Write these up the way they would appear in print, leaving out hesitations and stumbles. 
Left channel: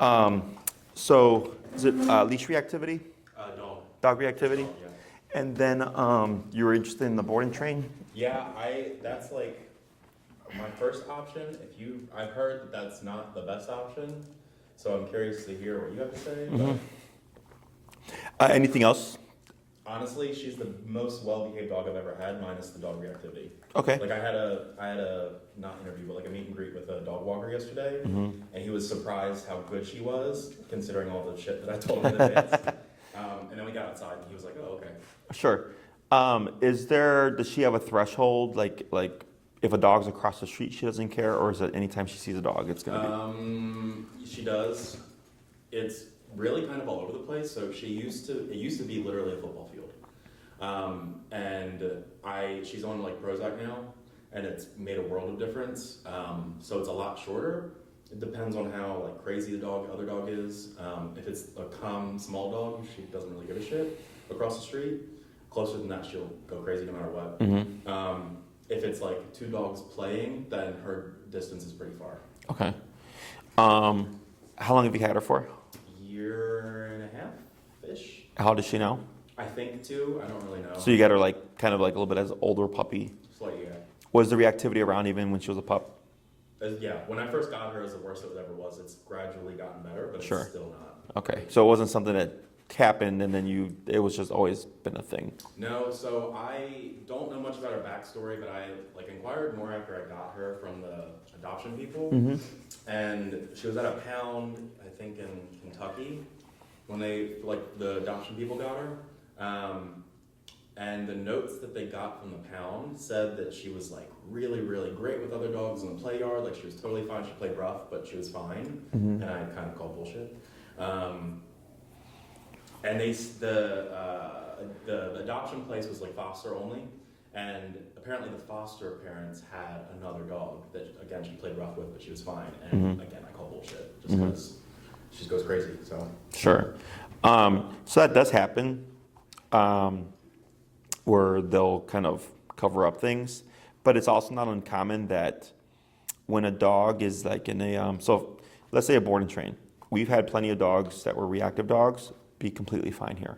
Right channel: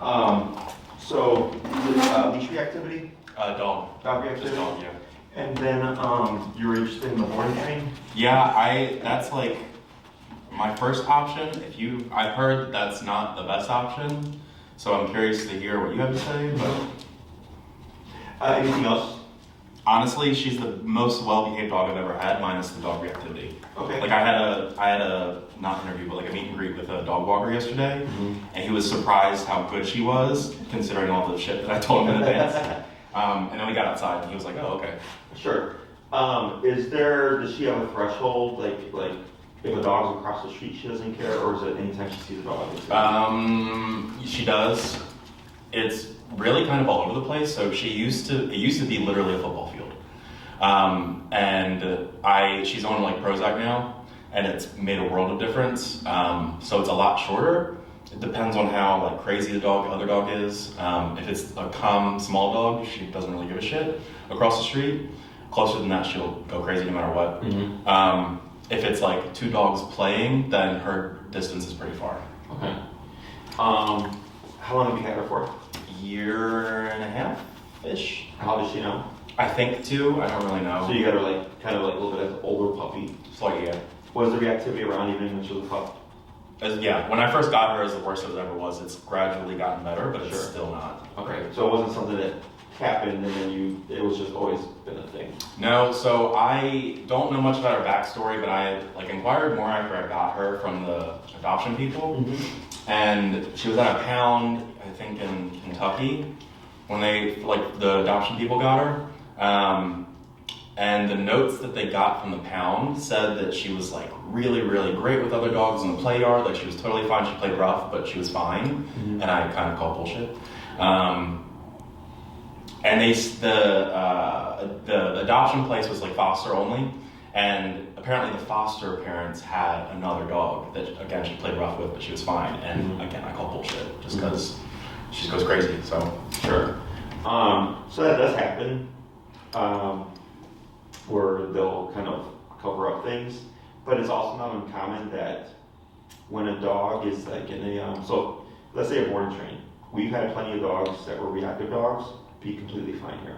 So is it leash reactivity? Dog. Dog reactivity? Just dog, yeah. And then you were interested in the boarding train? Yeah, that's like my first option. I've heard that's not the best option, so I'm curious to hear what you have to say. But Anything else? honestly, she's the most well-behaved dog I've ever had, minus the dog reactivity. Okay. Like I had a not interview, but like a meet and greet with a dog walker yesterday, and he was surprised how good she was, considering all the shit that I told him in advance. And then we got outside, and he was like, "Oh, okay." Sure. Does she have a threshold, like if a dog's across the street, she doesn't care, or is it anytime she sees a dog, it's gonna She does. It's really kind of all over the place. So it used to be literally a football field, and she's on like Prozac now, and it's made a world of difference. So it's a lot shorter. It depends on how like crazy the other dog is. If it's a calm, small dog, she doesn't really give a shit. Across the street, closer than that, she'll go crazy no matter what. If it's like two dogs playing, then her distance is pretty far. Okay. How long have you had her for? Year and a half-ish. How does she know? I think 2. I don't really know. So you got her like kind of like a little bit as an older puppy. It's like, yeah. Was the reactivity around even when she was a pup? Yeah, when I first got her, as the worst it ever was. It's gradually gotten better, but it's still not. Okay, so it wasn't something that happened and then it was just always been a thing. No, so I don't know much about her backstory, but I like inquired more after I got her from the adoption people. And she was at a pound, I think in Kentucky, when the adoption people got her. And the notes that they got from the pound said that she was like really, really great with other dogs in the play yard. Like she was totally fine. She played rough, but she was fine. And I kind of called bullshit. And the adoption place was like foster only. And apparently the foster parents had another dog that, again, she played rough with, but she was fine. And again, I call bullshit just because she goes crazy, so. Sure. So that does happen, where they'll kind of cover up things. But it's also not uncommon that when a dog is like in a, so let's say a boarding train. We've had plenty of dogs that were reactive dogs be completely fine here,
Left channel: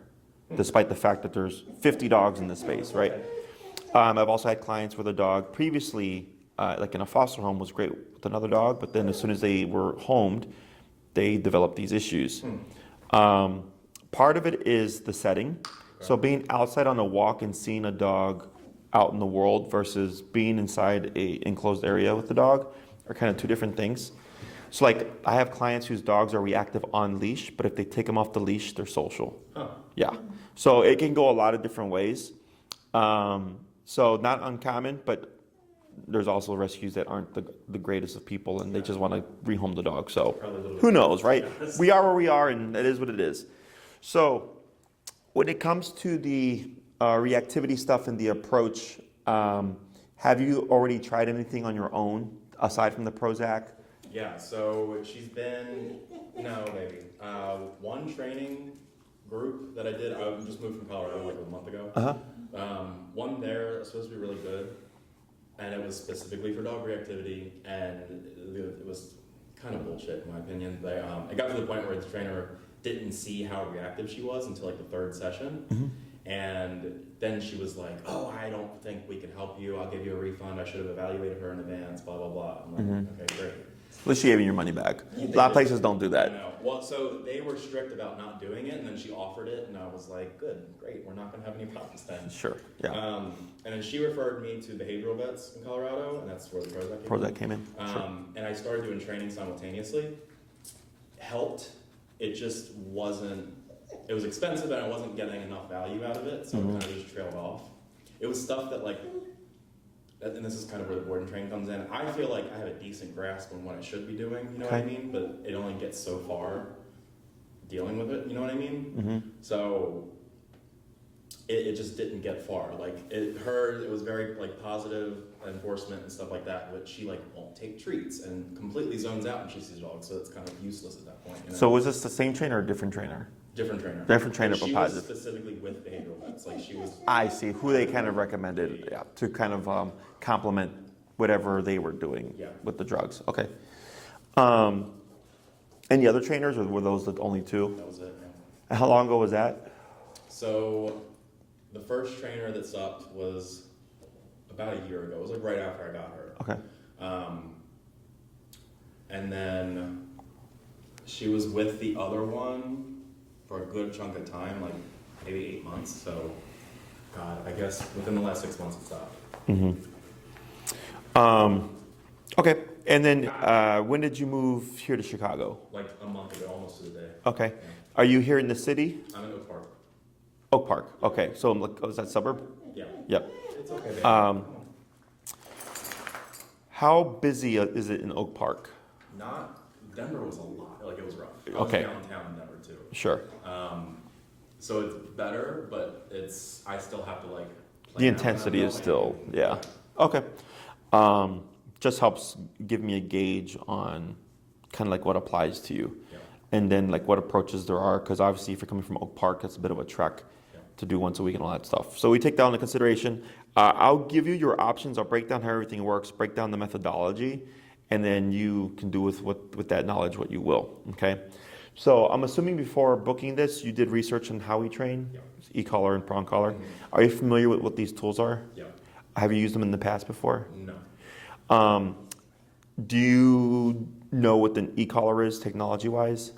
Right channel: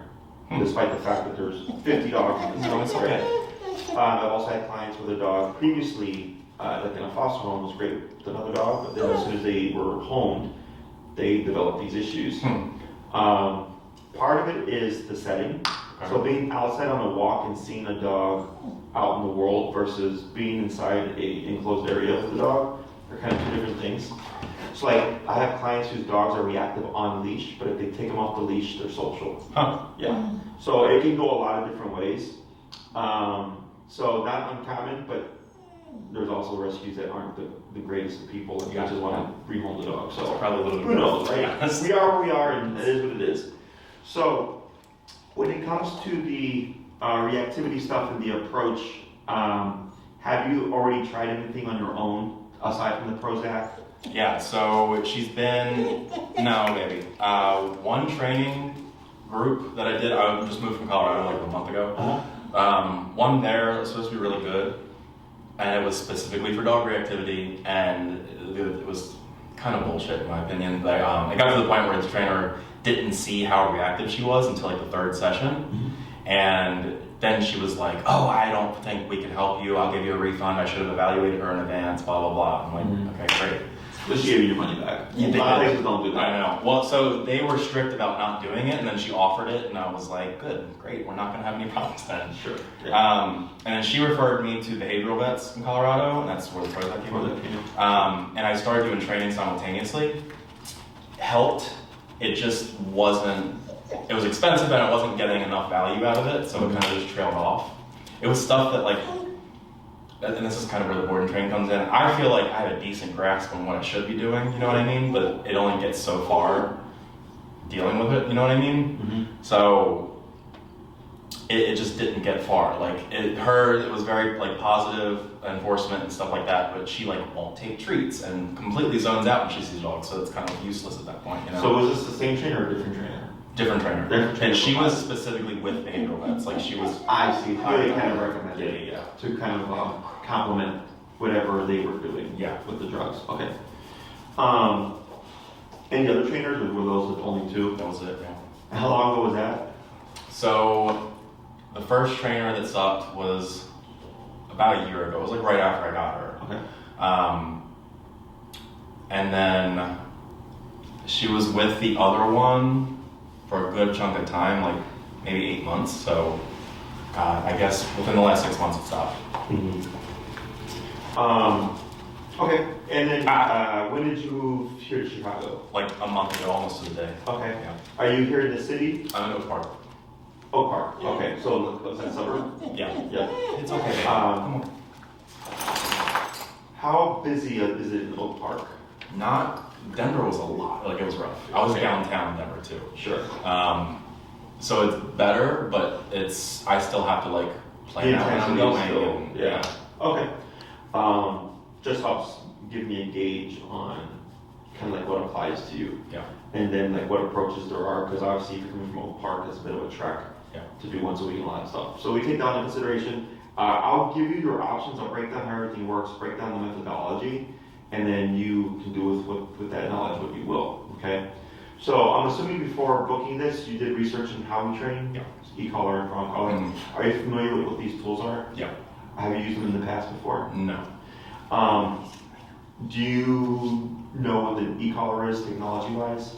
despite the fact that there's 50 dogs in this space, right? I've also had clients where the dog previously, like in a foster home, was great with another dog, but then as soon as they were homed, they developed these issues. Part of it is the setting. So being outside on a walk and seeing a dog out in the world versus being inside a enclosed area with the dog are kind of two different things. So like I have clients whose dogs are reactive on leash, but if they take them off the leash, they're social. Yeah. So it can go a lot of different ways. So not uncommon, but there's also rescues that aren't the greatest of people and they just want to rehome the dog. So who knows, right? Yes. We are where we are and it is what it is. So when it comes to the reactivity stuff and the approach, have you already tried anything on your own aside from the Prozac? Yeah, so she's been, maybe. One training group that I did, I just moved from Colorado like a month ago. One there was supposed to be really good, and it was specifically for dog reactivity, and it was kind of bullshit in my opinion. It got to the point where the trainer didn't see how reactive she was until like the 3rd session, and then she was like, "Oh, I don't think we can help you. I'll give you a refund. I should have evaluated her in advance, blah, blah, blah." I'm like, okay, great. But she gave you your money back. A lot of places don't do that. I know. Well, so they were strict about not doing it, and then she offered it, and I was like, good, great. We're not going to have any problems then. Sure. Yeah. And then she referred me to behavioral vets in Colorado, and that's where the Prozac came in. And I started doing training simultaneously. Helped. It just wasn't, it was expensive, and I wasn't getting enough value out of it, so it kind of just trailed off. It was stuff that like, and this is kind of where the board and train comes in. I feel like I have a decent grasp on what I should be doing, you know what I mean? But it only gets so far dealing with it, you know what I mean? So it just didn't get far. Like it was very like positive enforcement and stuff like that, but she like won't take treats and completely zones out when she sees dogs, so it's kind of useless at that point, you know? So was this the same trainer or a different trainer? Different trainer. And she was specifically with behavioral vets. Like she was. I see. Who they kind of recommended to kind of complement whatever they were doing with the drugs. Okay. Any other trainers, or were those the only two? That was it, yeah. And how long ago was that? So the first trainer that sucked was about a year ago. It was like right after I got her. Okay. And then she was with the other one for a good chunk of time, like maybe 8 months. So I guess within the last 6 months it stopped. Okay. And then when did you move here to Chicago? Like a month ago, almost to the day. Okay. Yeah. Are you here in the city? I'm in Oak Park. Oak Park. Okay. So look, is that suburb? Yeah. Yeah. It's okay. Come on. How busy is it in Oak Park? Denver was a lot, like it was rough. I was Okay. downtown Denver too. Sure. So it's better, but I still have to like The plan out when I'm intensity is going still, and- yeah. Okay. Just helps give me a gauge on kind of like what applies to you. Yeah. And then like what approaches there are, because obviously if you're coming from Oak Park, it's a bit of a trek to do once a week and all that stuff. So we take that into consideration. I'll give you your options. I'll break down how everything works, break down the methodology, and then you can do with that knowledge what you will. Okay. So I'm assuming before booking this, you did research on how we train. Yeah. E-collar and prong collar. Mm-hmm. Are you familiar with what these tools are? Yeah. Have you used them in the past before? No. Do you know what the e-collar is technology-wise?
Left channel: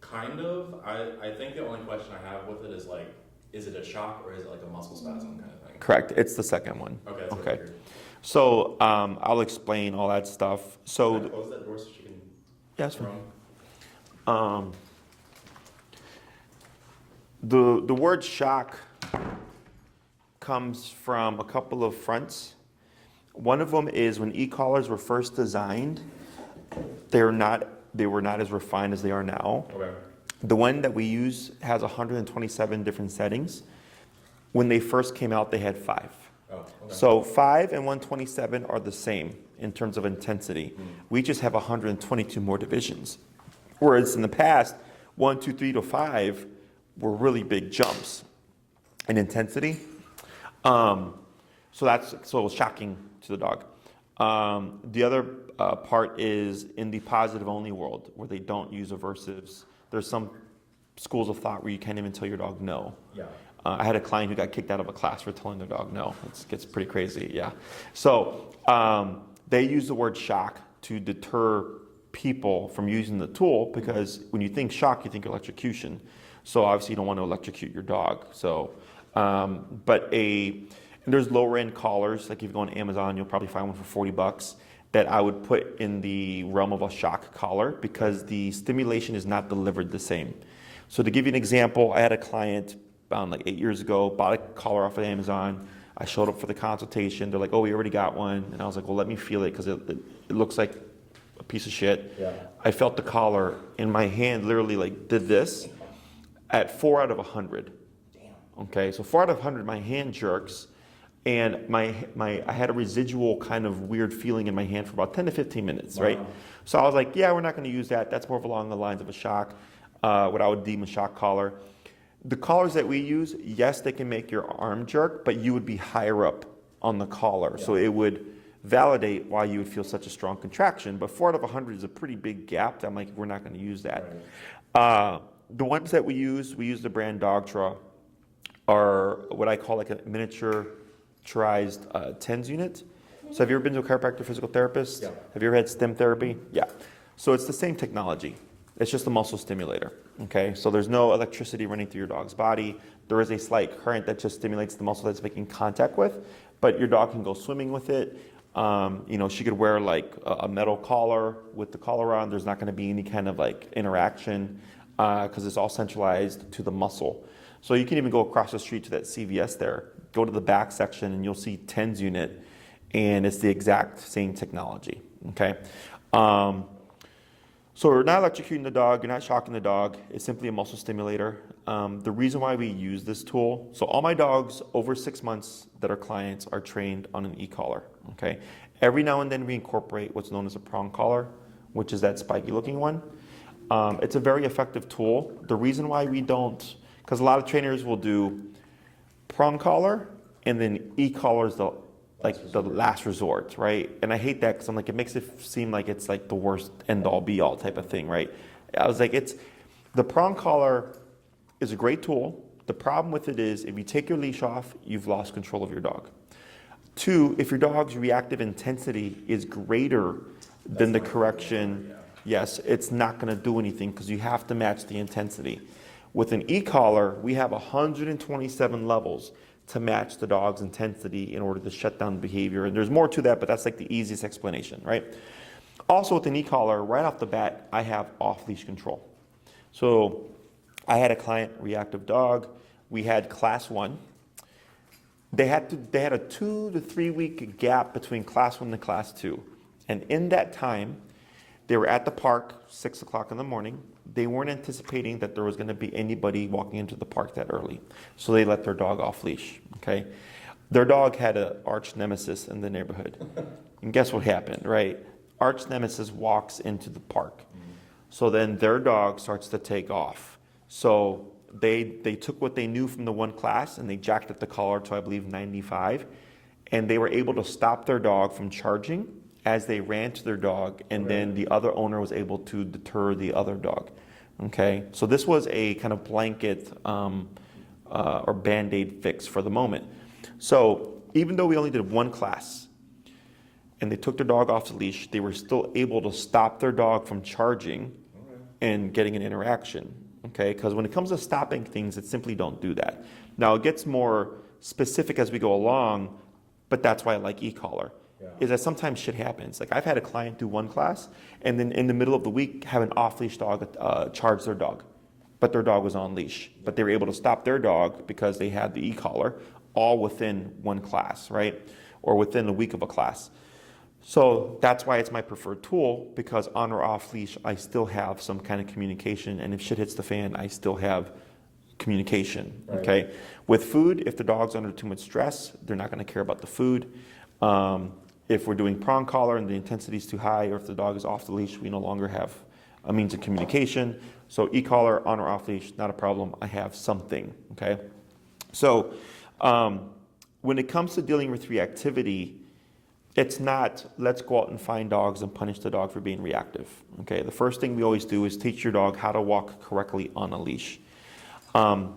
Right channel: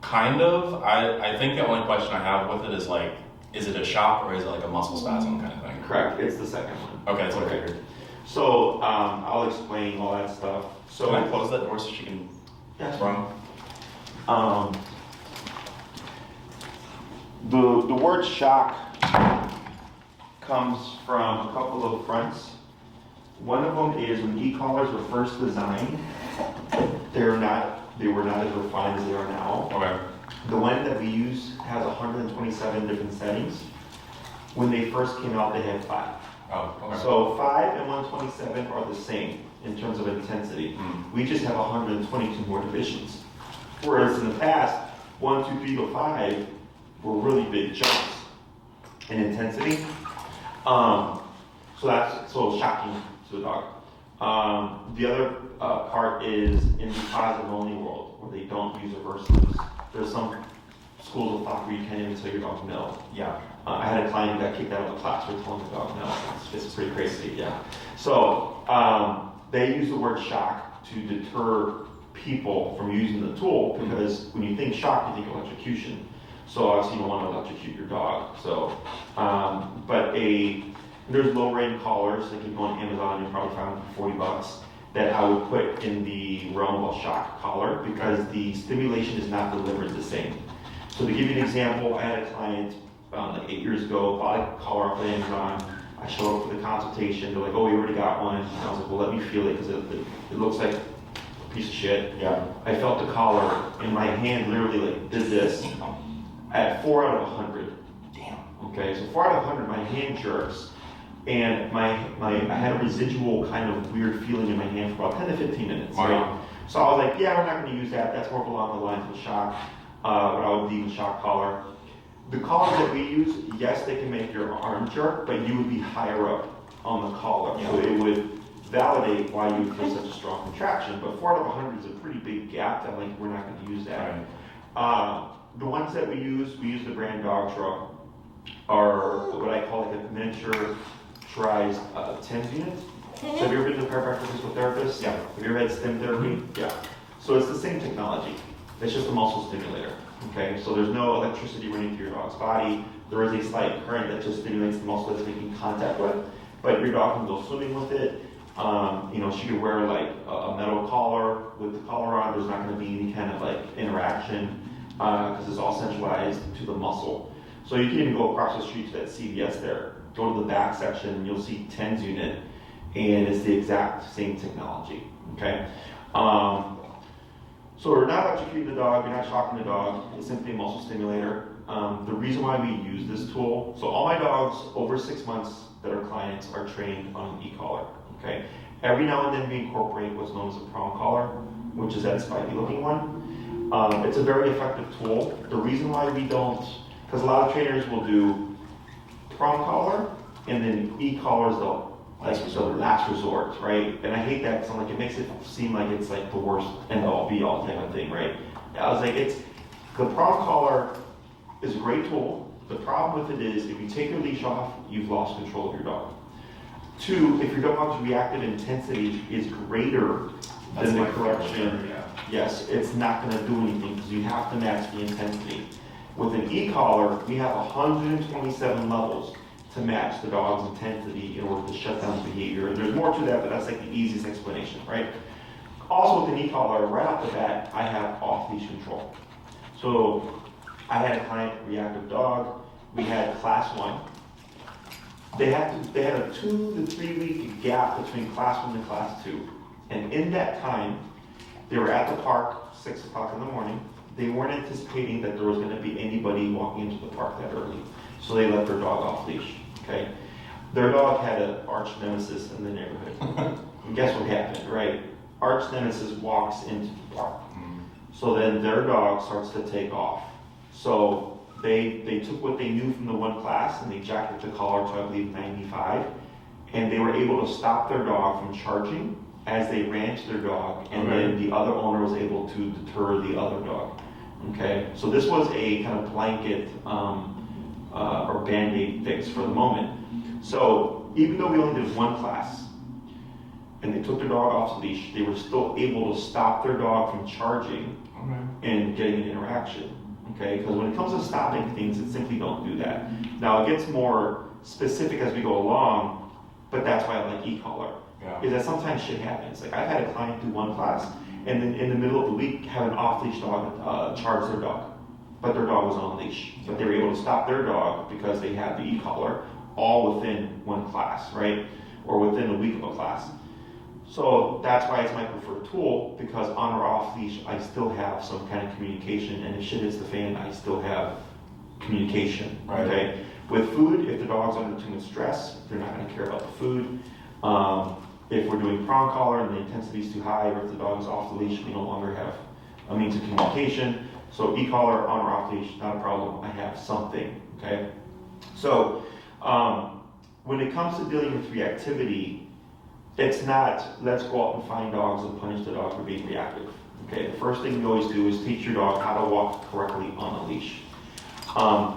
Kind of. I think the only question I have with it is like, is it a shock or is it like a muscle spasm kind of thing? Correct. It's the second one. Okay, that's what I Okay. figured. So I'll explain all that stuff. So Can I close that door so she can that's run? The word shock comes from a couple of fronts. One of them is when e-collars were first designed, they were not as refined as they are now. Okay. The one that we use has 127 different settings. When they first came out, they had 5. Oh, okay. So 5 and 127 are the same in terms of intensity. Mm. We just have 122 more divisions. Whereas in the past, 1, 2, 3 to 5 were really big jumps in intensity. So that's shocking to the dog. The other part is in the positive only world where they don't use aversives. There's some schools of thought where you can't even tell your dog no. Yeah. I had a client who got kicked out of a class for telling the dog no. It's pretty crazy, yeah. So they use the word shock to deter people from using the tool because when you think shock, you think electrocution. So obviously you don't want to electrocute your dog. So, there's lower end collars, like if you go on Amazon, you'll probably find one for $40 that I would put in the realm of a shock collar because the stimulation is not delivered the same. So to give you an example, I had a client about like 8 years ago, bought a collar off of Amazon. I showed up for the consultation. They're like, oh, we already got one. And I was like, well, let me feel it because it looks like a piece of shit. Yeah. I felt the collar and my hand literally like did this at 4 out of 100. Damn. Okay, so 4 out of 100, my hand jerks. And I had a residual kind of weird feeling in my hand for about 10 to 15 minutes, Wow. right? So I was like, yeah, we're not going to use that. That's more along the lines of a shock, what I would deem a shock collar. The collars that we use, yes, they can make your arm jerk, but you would be higher up on the collar. Yeah. So it would validate why you would feel such a strong contraction. But 4 out of 100 is a pretty big gap that like, we're not going to use that. Right. The ones that we use the brand Dog Truck, are what I call like a miniaturized TENS unit. So have you ever been to a chiropractor physical therapist? Yeah. Have you ever had stim therapy? Yeah. So it's the same technology. It's just a muscle stimulator. Okay. So there's no electricity running through your dog's body. There is a slight current that just stimulates the muscle that's making contact with, but your dog can go swimming with it. She could wear like a metal collar with the collar on. There's not going to be any kind of like interaction because it's all centralized to the muscle. So you can even go across the street to that CVS there. Go to the back section and you'll see TENS unit, and it's the exact same technology. Okay. So we're not electrocuting the dog. You're not shocking the dog. It's simply a muscle stimulator. The reason why we use this tool, so all my dogs over 6 months that are clients are trained on an e-collar. Okay. Every now and then we incorporate what's known as a prong collar, which is that spiky looking one. It's a very effective tool. The reason why we don't, because a lot of trainers will do prong collar and then e-collars they'll like the last resort, right? And I hate that because I'm like, it makes it seem like it's like the worst end all be all type of thing, right? I was like, the prong collar is a great tool. The problem with it is if you take your leash off, you've lost control of your dog. 2, if your dog's reactive intensity is greater than the correction, yes, it's not going to do anything because you have to match the intensity. With an e-collar, we have 127 levels to match the dog's intensity in order to shut down behavior. And there's more to that, but that's like the easiest explanation, right? Also with an e-collar, right off the bat, I have off-leash control. So I had a client, reactive dog. We had class 1. They had a 2 to 3 week gap between class 1 and class 2. And in that time, they were at the park, 6 o'clock in the morning. They weren't anticipating that there was going to be anybody walking into the park that early. So they let their dog off leash, okay? Their dog had an arch nemesis in the neighborhood. And guess what happened, right? Arch nemesis walks into the park. So then their dog starts to take off. So they took what they knew from the one class and they jacked up the collar to, I believe, 95. And they were able to stop their dog from charging as they ran to their dog. And then the other owner was able to deter the other dog. Okay, so this was a kind of blanket or Band-Aid fix for the moment. So even though we only did one class and they took their dog off the leash, they were still able to stop their dog from charging and getting an interaction. Okay, because when it comes to stopping things, it simply don't do that. Now it gets more specific as we go along, but that's why I like e-collar. Is that sometimes shit happens. Like I've had a client do one class and then in the middle of the week have an off-leash dog charge their dog. But their dog was on leash. But they were able to stop their dog because they had the e-collar all within one class, right? Or within a week of a class. So that's why it's my preferred tool, because on or off leash, I still have some kind of communication. And if shit hits the fan, I still have communication, okay? With food, if the dog's under too much stress, they're not gonna care about the food. If we're doing prong collar and the intensity is too high, or if the dog is off the leash, we no longer have a means of communication. So e-collar, on or off leash, not a problem. I have something, okay? So when it comes to dealing with reactivity, it's not let's go out and find dogs and punish the dog for being reactive, okay? The first thing we always do is teach your dog how to walk correctly on a leash. A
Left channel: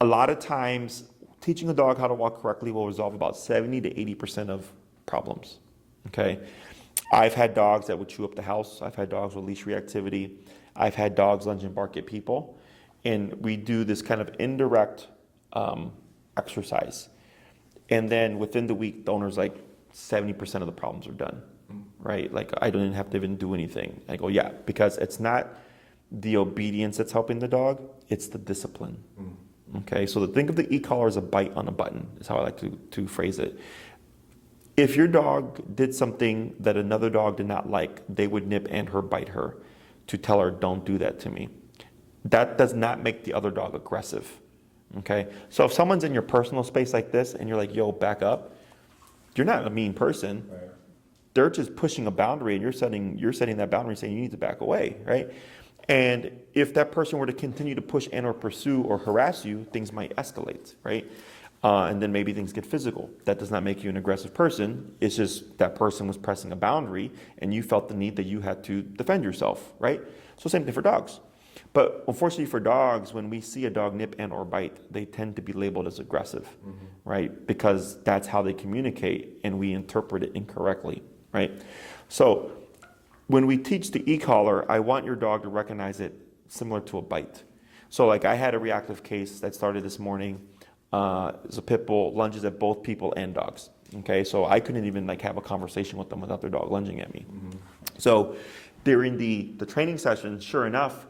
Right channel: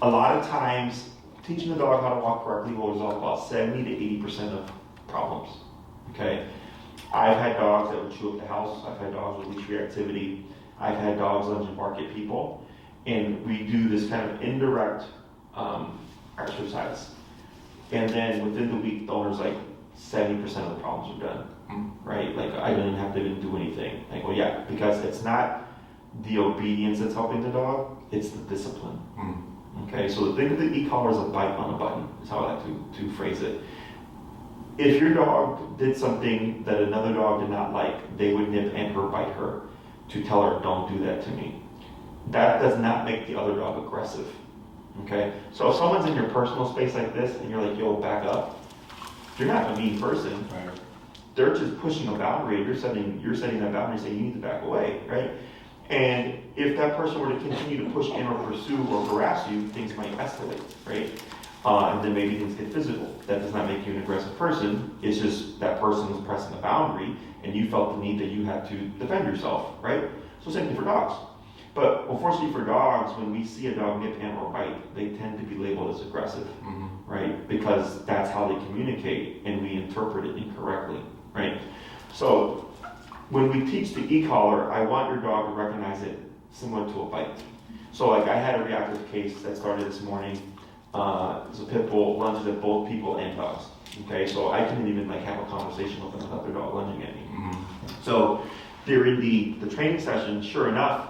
lot of times, teaching a dog how to walk correctly will resolve about 70 to 80% of problems, okay? I've had dogs that would chew up the house. I've had dogs with leash reactivity. I've had dogs lunge and bark at people. And we do this kind of indirect exercise. And then within the week, the owner's like, 70% of the problems are done, right? Like, I didn't have to even do anything. I go, yeah, because it's not the obedience that's helping the dog, it's the discipline. Okay, so think of the e-collar as a bite on the button, is how I like to phrase it. If your dog did something that another dog did not like, they would nip and or bite her to tell her, don't do that to me. That does not make the other dog aggressive, okay? So if someone's in your personal space like this and you're like, yo, back up, you're not a mean person. Right. They're just pushing a boundary and you're setting that boundary saying you need to back away, right? And if that person were to continue to push and or pursue or harass you, things might escalate, right? And then maybe things get physical. That does not make you an aggressive person. It's just that person was pressing a boundary and you felt the need that you had to defend yourself, right? So same thing for dogs. But unfortunately for dogs, when we see a dog nip and or bite, they tend to be labeled as aggressive, right? Because that's how they communicate and we interpret it incorrectly, right? So when we teach the e-collar, I want your dog to recognize it similar to a bite. So like I had a reactive case that started this morning. It's a pit bull, lunges at both people and dogs. Okay, so I couldn't even like have a conversation with them without their dog lunging at me. So during the training session, sure enough,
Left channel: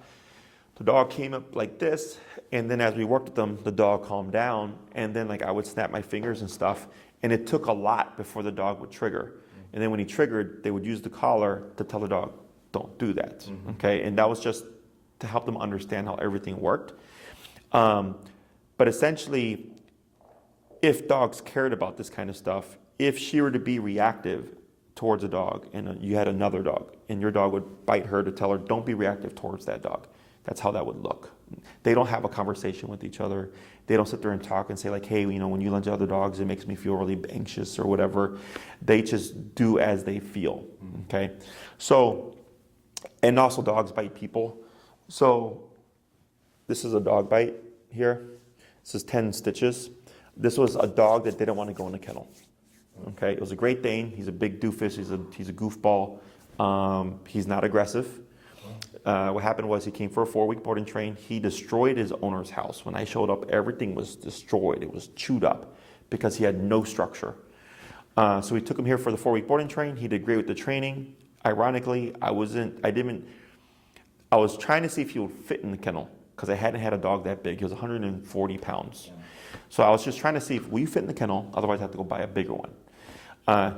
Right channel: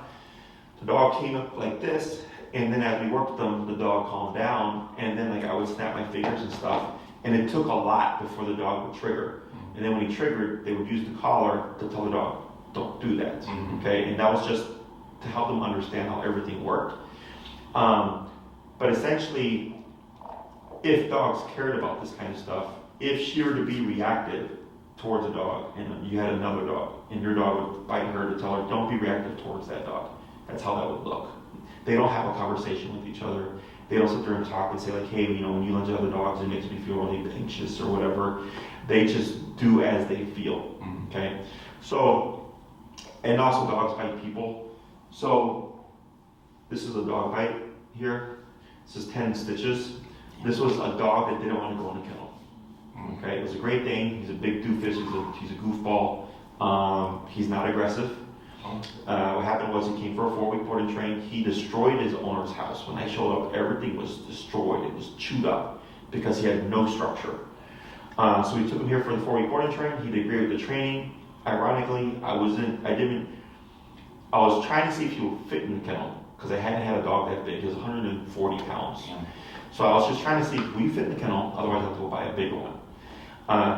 the dog came up like this, and then as we worked with them, the dog calmed down, and then like I would snap my fingers and stuff, and it took a lot before the dog would trigger. And then when he triggered, they would use the collar to tell the dog, don't do that, okay? And that was just to help them understand how everything worked. But essentially, if dogs cared about this kind of stuff, if she were to be reactive towards a dog and you had another dog and your dog would bite her to tell her, don't be reactive towards that dog. That's how that would look. They don't have a conversation with each other. They don't sit there and talk and say like, hey, when you lunge at other dogs, it makes me feel really anxious or whatever. They just do as they feel, okay? So, and also dogs bite people. So this is a dog bite here. This is 10 stitches. This was a dog that didn't want to go in the kennel. Okay, it was a Great Dane. He's a big doofus. He's a goofball. He's not aggressive. What happened was he came for a 4-week board and train. He destroyed his owner's house. When I showed up, everything was destroyed. It was chewed up because he had no structure. So we took him here for the 4-week board and train. He did great with the training. Ironically, I was trying to see if he would fit in the kennel because I hadn't had a dog that big. He was 140 pounds. So I was just trying to see if we fit in the kennel. Otherwise, I have to go buy a bigger one.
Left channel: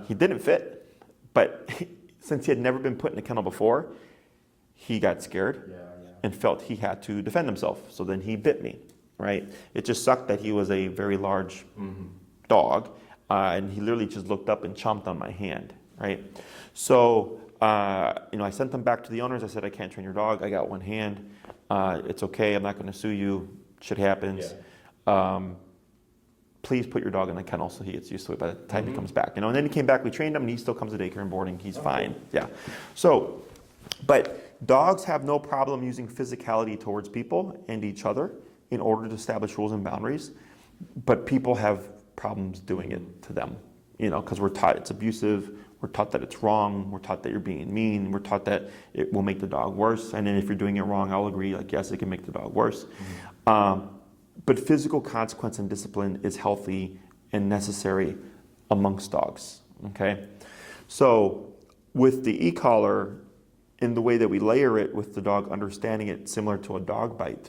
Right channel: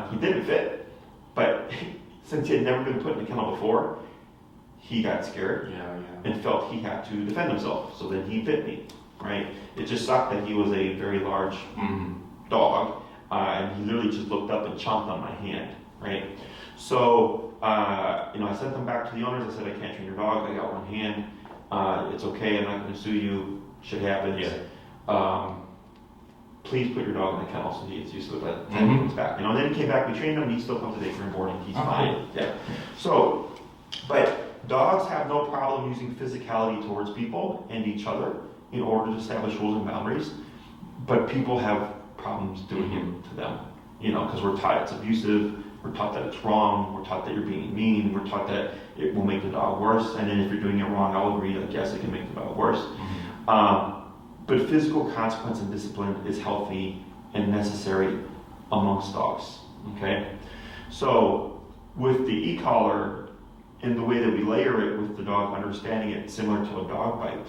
He didn't fit, but since he had never been put in a kennel before, he got scared and felt he had to defend himself. So then he bit me, right? It just sucked that he was a very large dog, and he literally just looked up and chomped on my hand, right? So, I sent them back to the owners. I said, I can't train your dog. I got one hand. It's okay. I'm not going to sue you. Shit happens. Please put your dog in the kennel so he gets used to it by the time he comes back. And then he came back, we trained him, and he still comes today for boarding. He's fine. Yeah. So, but dogs have no problem using physicality towards people and each other in order to establish rules and boundaries. But people have problems doing it to them, because we're taught it's abusive, we're taught that it's wrong, we're taught that you're being mean, we're taught that it will make the dog worse. And then if you're doing it wrong, I'll agree, like, yes, it can make the dog worse. But physical consequence and discipline is healthy and necessary amongst dogs, okay? So with the e-collar, in the way that we layer it with the dog understanding it similar to a dog bite,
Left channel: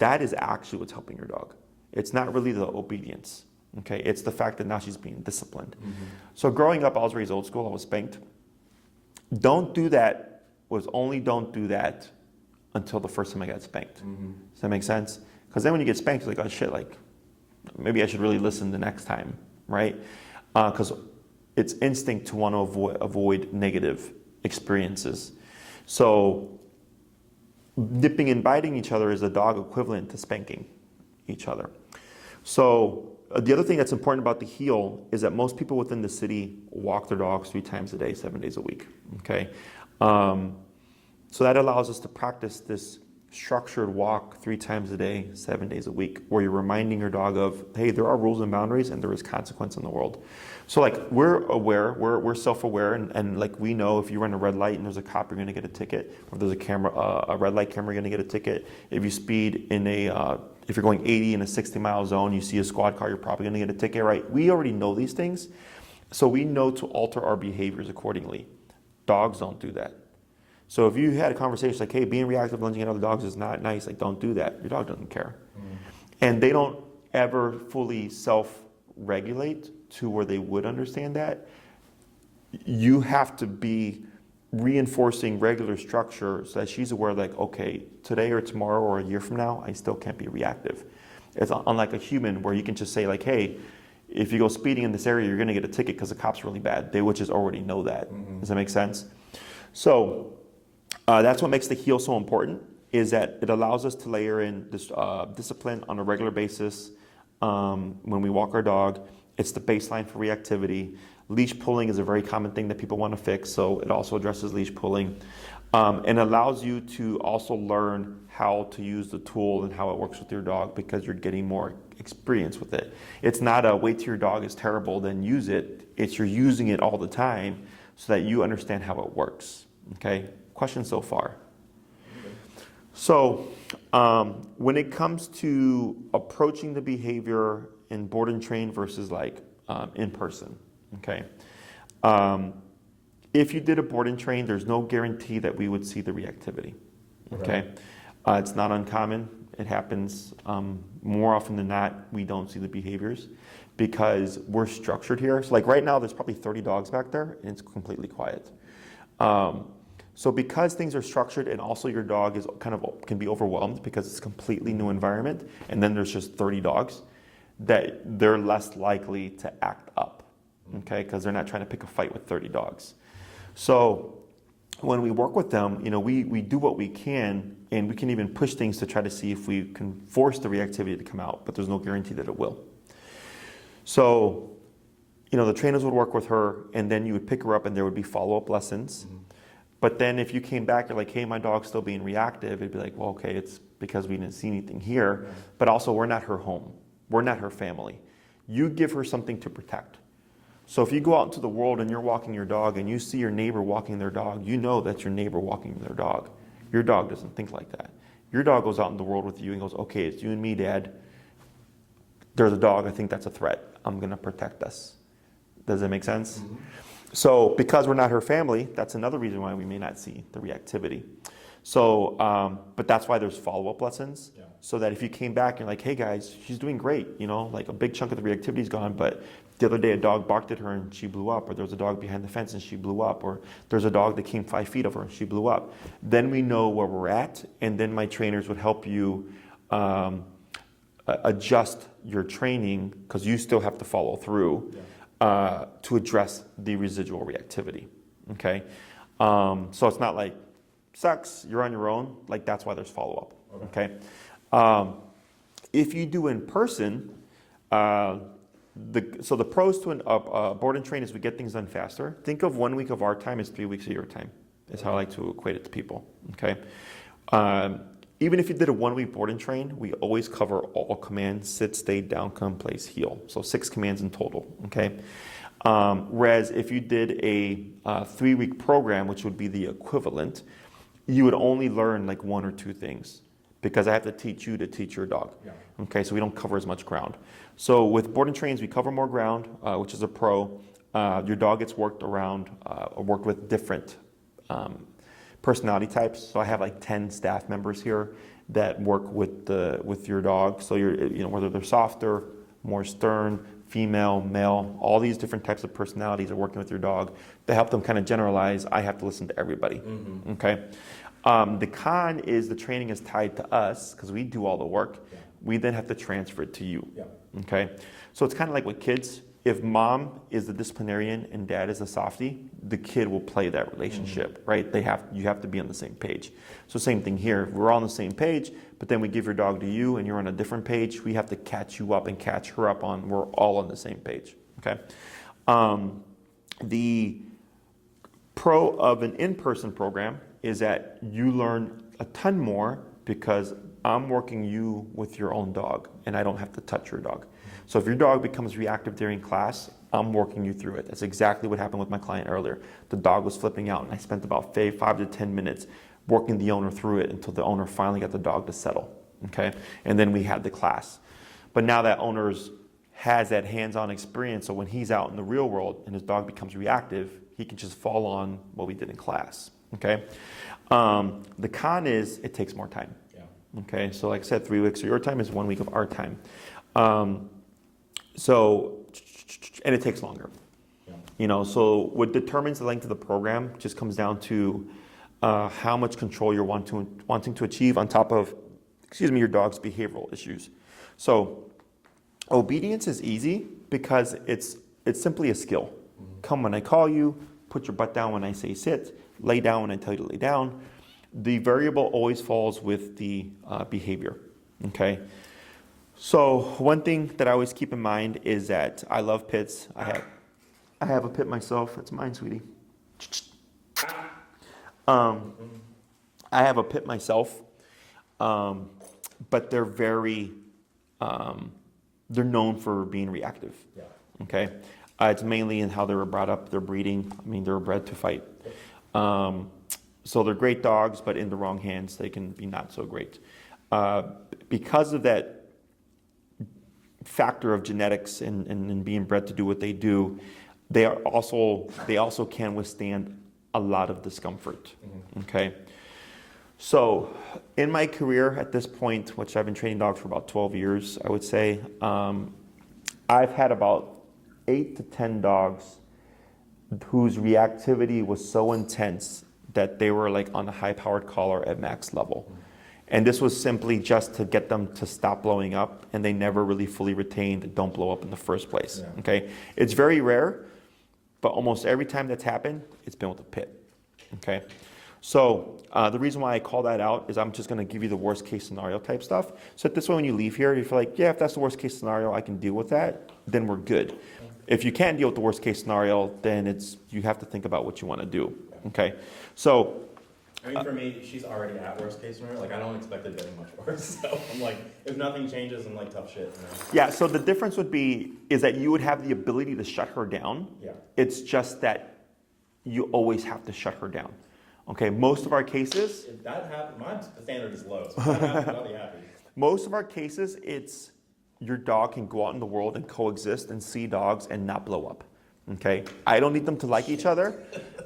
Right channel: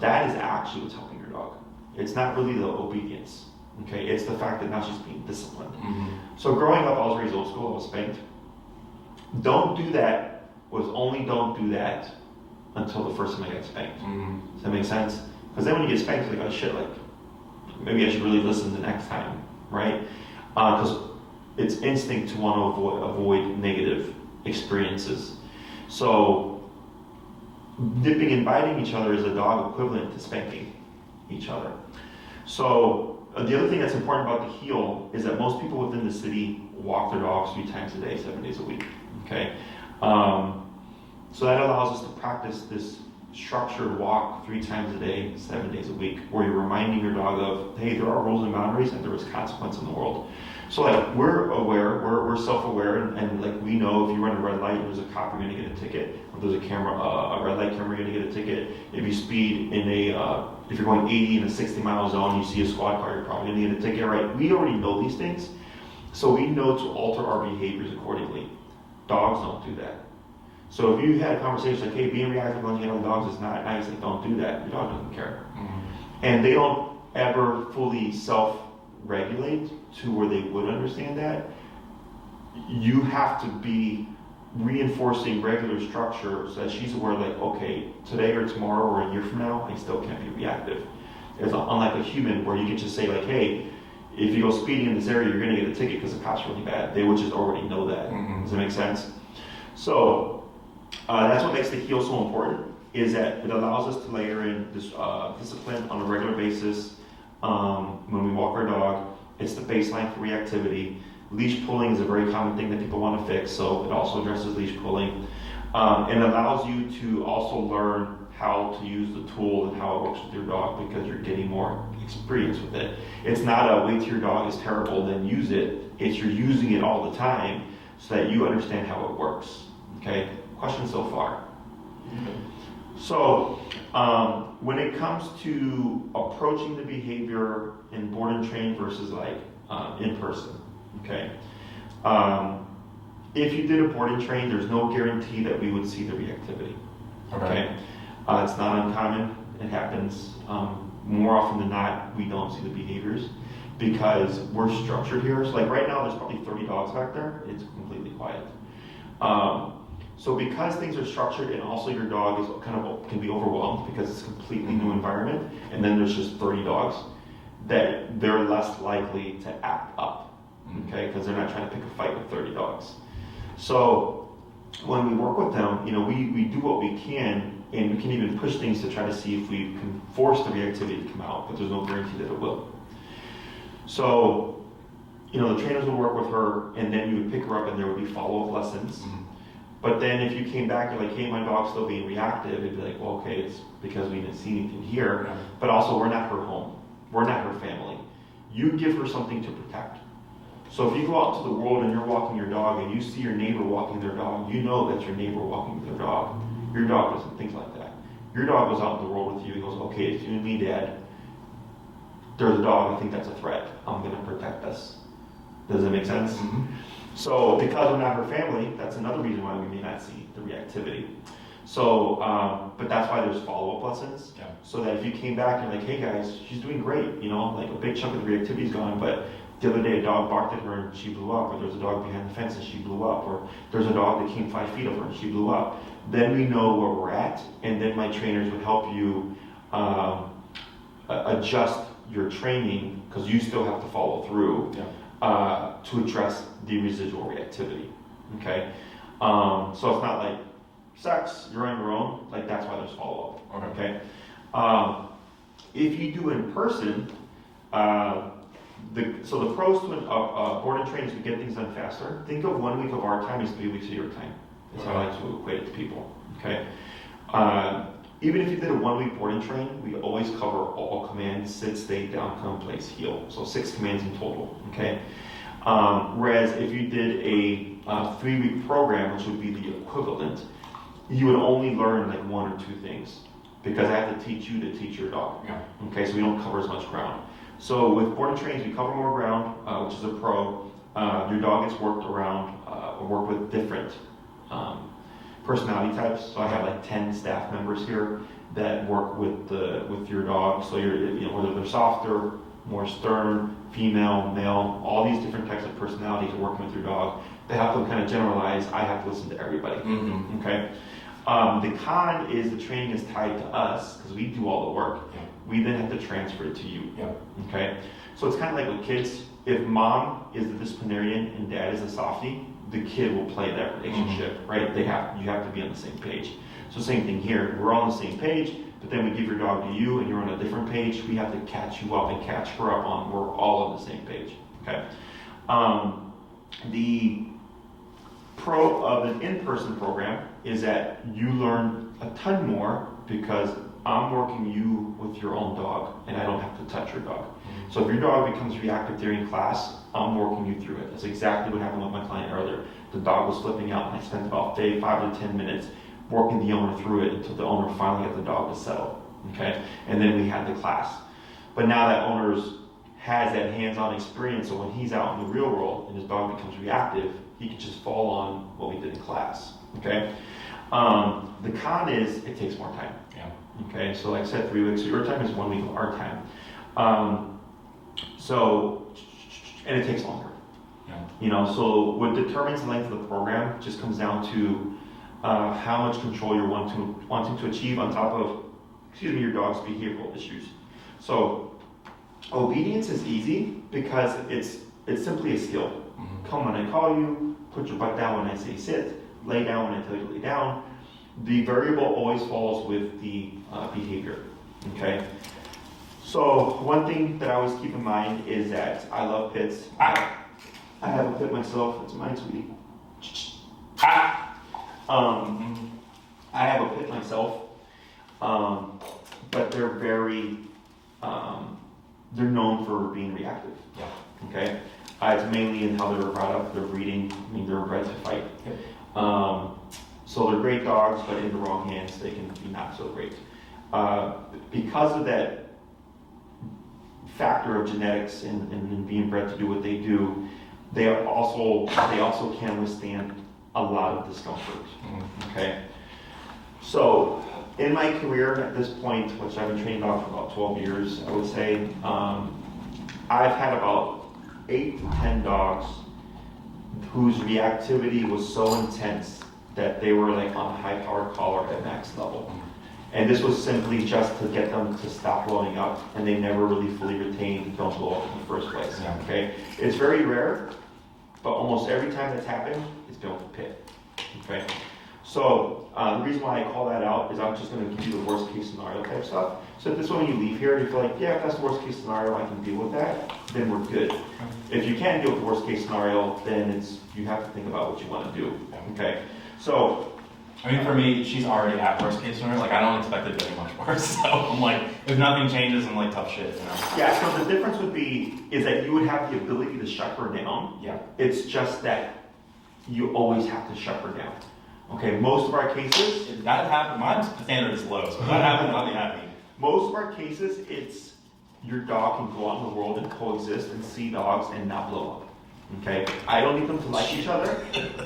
that is actually what's helping your dog. It's not really the obedience, okay? It's the fact that now she's being disciplined. So growing up, I was raised old school, I was spanked. Don't do that until the first time I got spanked. Does that make sense? Because then when you get spanked, it's like, oh shit, like, maybe I should really listen the next time, right? Because it's instinct to want to avoid negative experiences. So nipping and biting each other is a dog equivalent to spanking each other. So the other thing that's important about the heel is that most people within the city walk their dogs 3 times a day, 7 days a week, okay? So that allows us to practice this structured walk 3 times a day, 7 days a week, where you're reminding your dog of, hey, there are rules and boundaries and there is consequence in the world. So like we're aware, we're self-aware, and like we know if you run a red light and there's a cop, you're gonna get a ticket. Or there's a red light camera, you're gonna get a ticket. If you speed in if you're going 80 in a 60 mile zone, you see a squad car, you're probably gonna get a ticket, right? We already know these things, so we know to alter our behaviors accordingly. Dogs don't do that. So if you had a conversation like, hey, being reactive lunging at other dogs is not nice, like don't do that. Your dog doesn't care. And they don't ever fully self-regulate to where they would understand that. You have to be reinforcing regular structure so that she's aware, like, okay, today or tomorrow or a year from now, I still can't be reactive. It's unlike a human where you can just say like, hey, if you go speeding in this area, you're gonna get a ticket because the cop's really bad. They would just already know that. Does that make sense? So that's what makes the heel so important, is that it allows us to layer in this discipline on a regular basis when we walk our dog. It's the baseline for reactivity. Leash pulling is a very common thing that people want to fix, so it also addresses leash pulling. And allows you to also learn how to use the tool and how it works with your dog because you're getting more experience with it. It's not a wait till your dog is terrible, then use it. It's you're using it all the time so that you understand how it works. Okay? Questions so far? So, when it comes to approaching the behavior in board and train versus like in person, okay? If you did a board and train, there's no guarantee that we would see the reactivity, okay? It's not uncommon. It happens more often than not. We don't see the behaviors because we're structured here. So like right now, there's probably 30 dogs back there, and it's completely quiet. So because things are structured and also your dog is can be overwhelmed because it's a completely new environment, and then there's just 30 dogs, that they're less likely to act up, okay? Because they're not trying to pick a fight with 30 dogs. So when we work with them, we do what we can, and we can even push things to try to see if we can force the reactivity to come out, but there's no guarantee that it will. So, the trainers would work with her, and then you would pick her up, and there would be follow-up lessons. Mm-hmm. But then if you came back and like, hey, my dog's still being reactive, it'd be like, well, okay, it's because we didn't see anything here, but also we're not her home. We're not her family. You give her something to protect. So if you go out into the world and you're walking your dog and you see your neighbor walking their dog, you know that's your neighbor walking their dog. Your dog doesn't think like that. Your dog goes out in the world with you and goes, okay, it's you and me, Dad. There's a dog, I think that's a threat. I'm going to protect us. Does that make sense? Mm-hmm. So because we're not her family, that's another reason why we may not see the reactivity. So, but that's why there's follow-up lessons. Yeah. So that if you came back and like, hey guys, she's doing great, like a big chunk of the reactivity is gone, but the other day a dog barked at her and she blew up, or there's a dog behind the fence and she blew up, or there's a dog that came 5 feet of her and she blew up. Then we know where we're at, and then my trainers would help you adjust your training, because you still have to follow through. Yeah. To address the residual reactivity, okay? So it's not like sex, you're on your own, like that's why there's follow-up, okay? If you do in person, the pros to board and train is we get things done faster. Think of 1 week of our time as 3 weeks of your time. That's how I like to equate it to people, okay? Even if you did a 1 week board and train, we always cover all commands: sit, stay, down, come, place, heel. So 6 commands in total, okay? Whereas if you did a 3 week program, which would be the equivalent, you would only learn like 1 or 2 things, because I have to teach you to teach your dog, okay? So we don't cover as much ground. So with board and trains, we cover more ground, which is a pro. Your dog gets worked around, worked with different personality types. So I have like 10 staff members here that work with your dog. So whether they're softer, more stern, female, male, all these different types of personalities are working with your dog. They help them kind of generalize. I have to listen to everybody. Mm-hmm. Okay. The con is the training is tied to us because we do all the work. We then have to transfer it to you. Yeah. Okay. So it's kind of like with kids. If mom is the disciplinarian and dad is a softie, the kid will play that relationship, right? You have to be on the same page. So same thing here. We're all on the same page, but then we give your dog to you and you're on a different page. We have to catch you up and catch her up on. We're all on the same page. Okay. The pro of an in-person program is that you learn a ton more because I'm working you with your own dog and I don't have to touch your dog. So if your dog becomes reactive during class, I'm working you through it. That's exactly what happened with my client earlier. The dog was flipping out and I spent about 5 to 10 minutes working the owner through it until the owner finally got the dog to settle. Okay? And then we had the class. But now that owner has that hands-on experience, so when he's out in the real world and his dog becomes reactive, he can just fall on what we did in class. Okay? The con is it takes more time. Yeah. Okay? So like I said, 3 weeks of your time is 1 week of our time. And it takes longer. Yeah. So what determines the length of the program just comes down to how much control you're wanting to achieve on top of, your dog's behavioral issues. So obedience is easy because it's simply a skill. Mm-hmm. Come when I call you, put your butt down when I say sit, lay down when I tell you to lay down. The variable always falls with the behavior. Okay. So one thing that I always keep in mind is that I love pits. I have a pit myself. It's mine, sweetie. I have a pit myself, but they're very, they're known for being reactive. Yeah. Okay. It's mainly in how they were brought up, their breeding. They were bred to fight. Okay. So they're great dogs, but in the wrong hands, they can be not so great. Because of that factor of genetics and being bred to do what they do, they also can withstand a lot of discomfort. Mm-hmm. Okay. So in my career at this point, which I've been training dogs for about 12 years, I would say, I've had about 8 to 10 dogs whose reactivity was so intense that they were like on a high-powered collar at max level. And this was simply just to get them to stop blowing up, and they never really fully retained don't blow up in the first place. Yeah. Okay, it's very rare, but almost every time that's happened, it's been with a pit. Okay, so the reason why I call that out is I'm just going to give you the worst case scenario type stuff. So this way when you leave here, you feel like, yeah, if that's the worst case scenario, I can deal with that, then we're good. If you can't deal with the worst case scenario, then you have to think about what you want to do. Okay, so. I mean, for me, she's already at worst case scenario. Like, I don't expect it to get much worse. So I'm like, if nothing changes, I'm like, tough shit, you know? Yeah, so the difference is that you would have the ability to shut her down. Yeah. It's just that you always have to shut her down. Okay, most of our cases. If that happened, my standard is low, so if that happened, I'll be happy. Most of our cases, it's your dog can go out in the world and coexist and see dogs and not blow up. Okay, I don't need them to like each other.